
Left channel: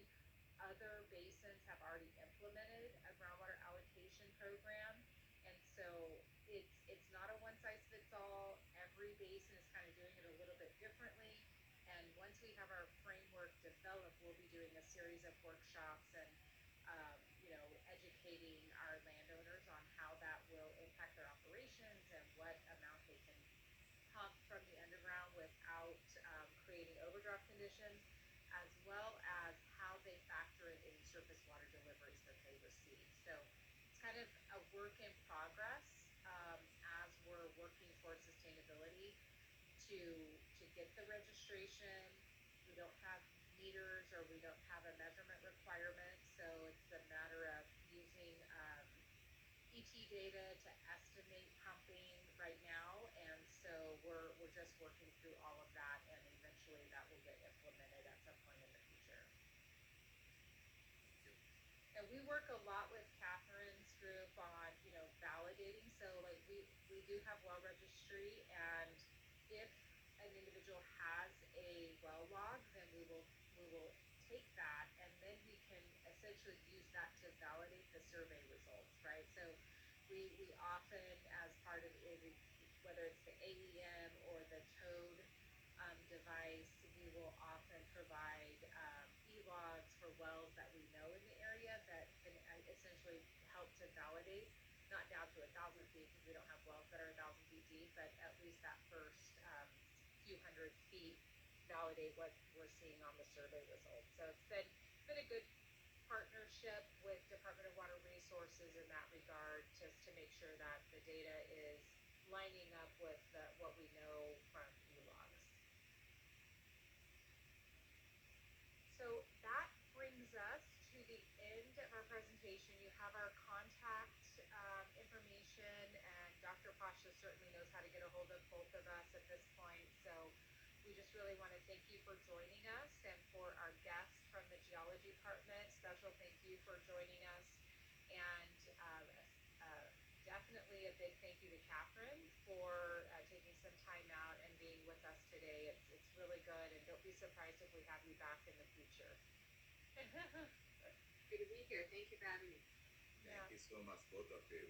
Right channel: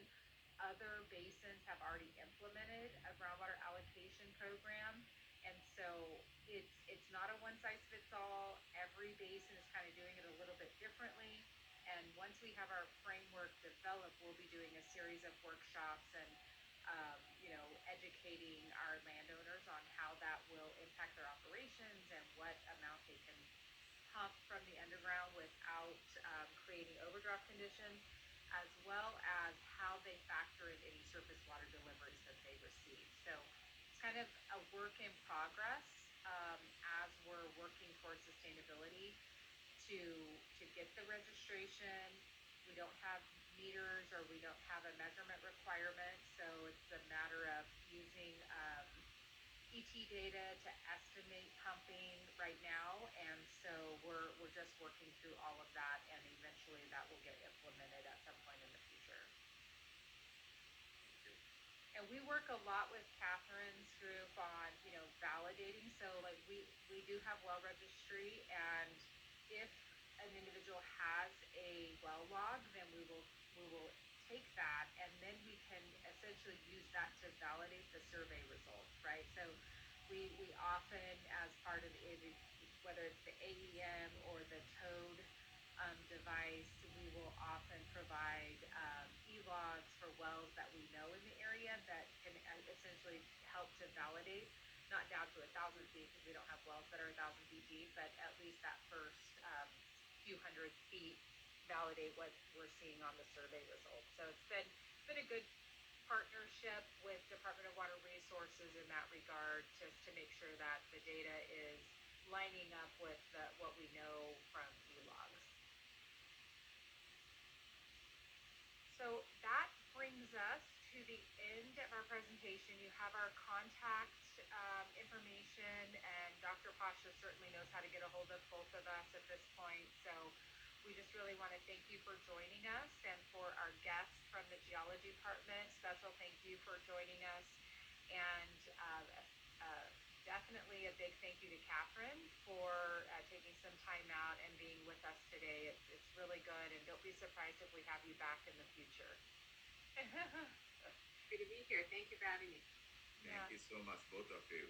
Other basins have already implemented a groundwater allocation program, and so it's not a one size fits all. Every basin is kind of doing it a little bit differently. And once we have our framework developed, we'll be doing a series of workshops and, educating our landowners on how that will impact their operations and what amount they can pump from the underground without creating overdraft conditions, as well as how they factor in any surface water deliveries that they receive. So it's kind of a work in progress as we're working for sustainability to get the registration. We don't have meters or we don't have a measurement requirement, so it's a matter of using ET data to estimate pumping right now, and so we're just working through all of that, and eventually that will get implemented at some point in the future. Thank you. And we work a lot with Catherine's group on, validating. So like we do have well registry, and if an individual has a well log, then we will take that, and then we can essentially use that to validate the survey results, right? So we often, as part of it, whether it's the AEM or the TOAD device, we will often provide e-logs for wells that we know in the area that can essentially help to validate, not down to 1,000 feet because we don't have wells that are 1,000 feet deep, but at least that first few hundred feet validate what we're seeing on the survey results. So it's been a good partnership with Department of Water Resources in that regard, just to make sure that the data is lining up with what we know from e-logs. So that brings us to the end of our presentation. You have our contact information, and Dr. Pasha certainly knows how to get a hold of both of us at this point. So we just really want to thank you for joining us, and for our guests from the geology department, special thank you for joining us, and definitely a big thank you to Catherine for taking some time out and being with us today. It's really good, and don't be surprised if we have you back in the future. Happy to be here. Thank you for having me. Thank you so much, both of you.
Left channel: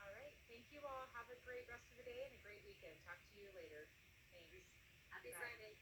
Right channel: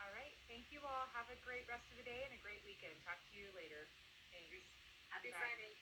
All right. Thank you all. Have a great rest of the day and a great weekend. Talk to you later. Thanks. Happy Bye. Friday.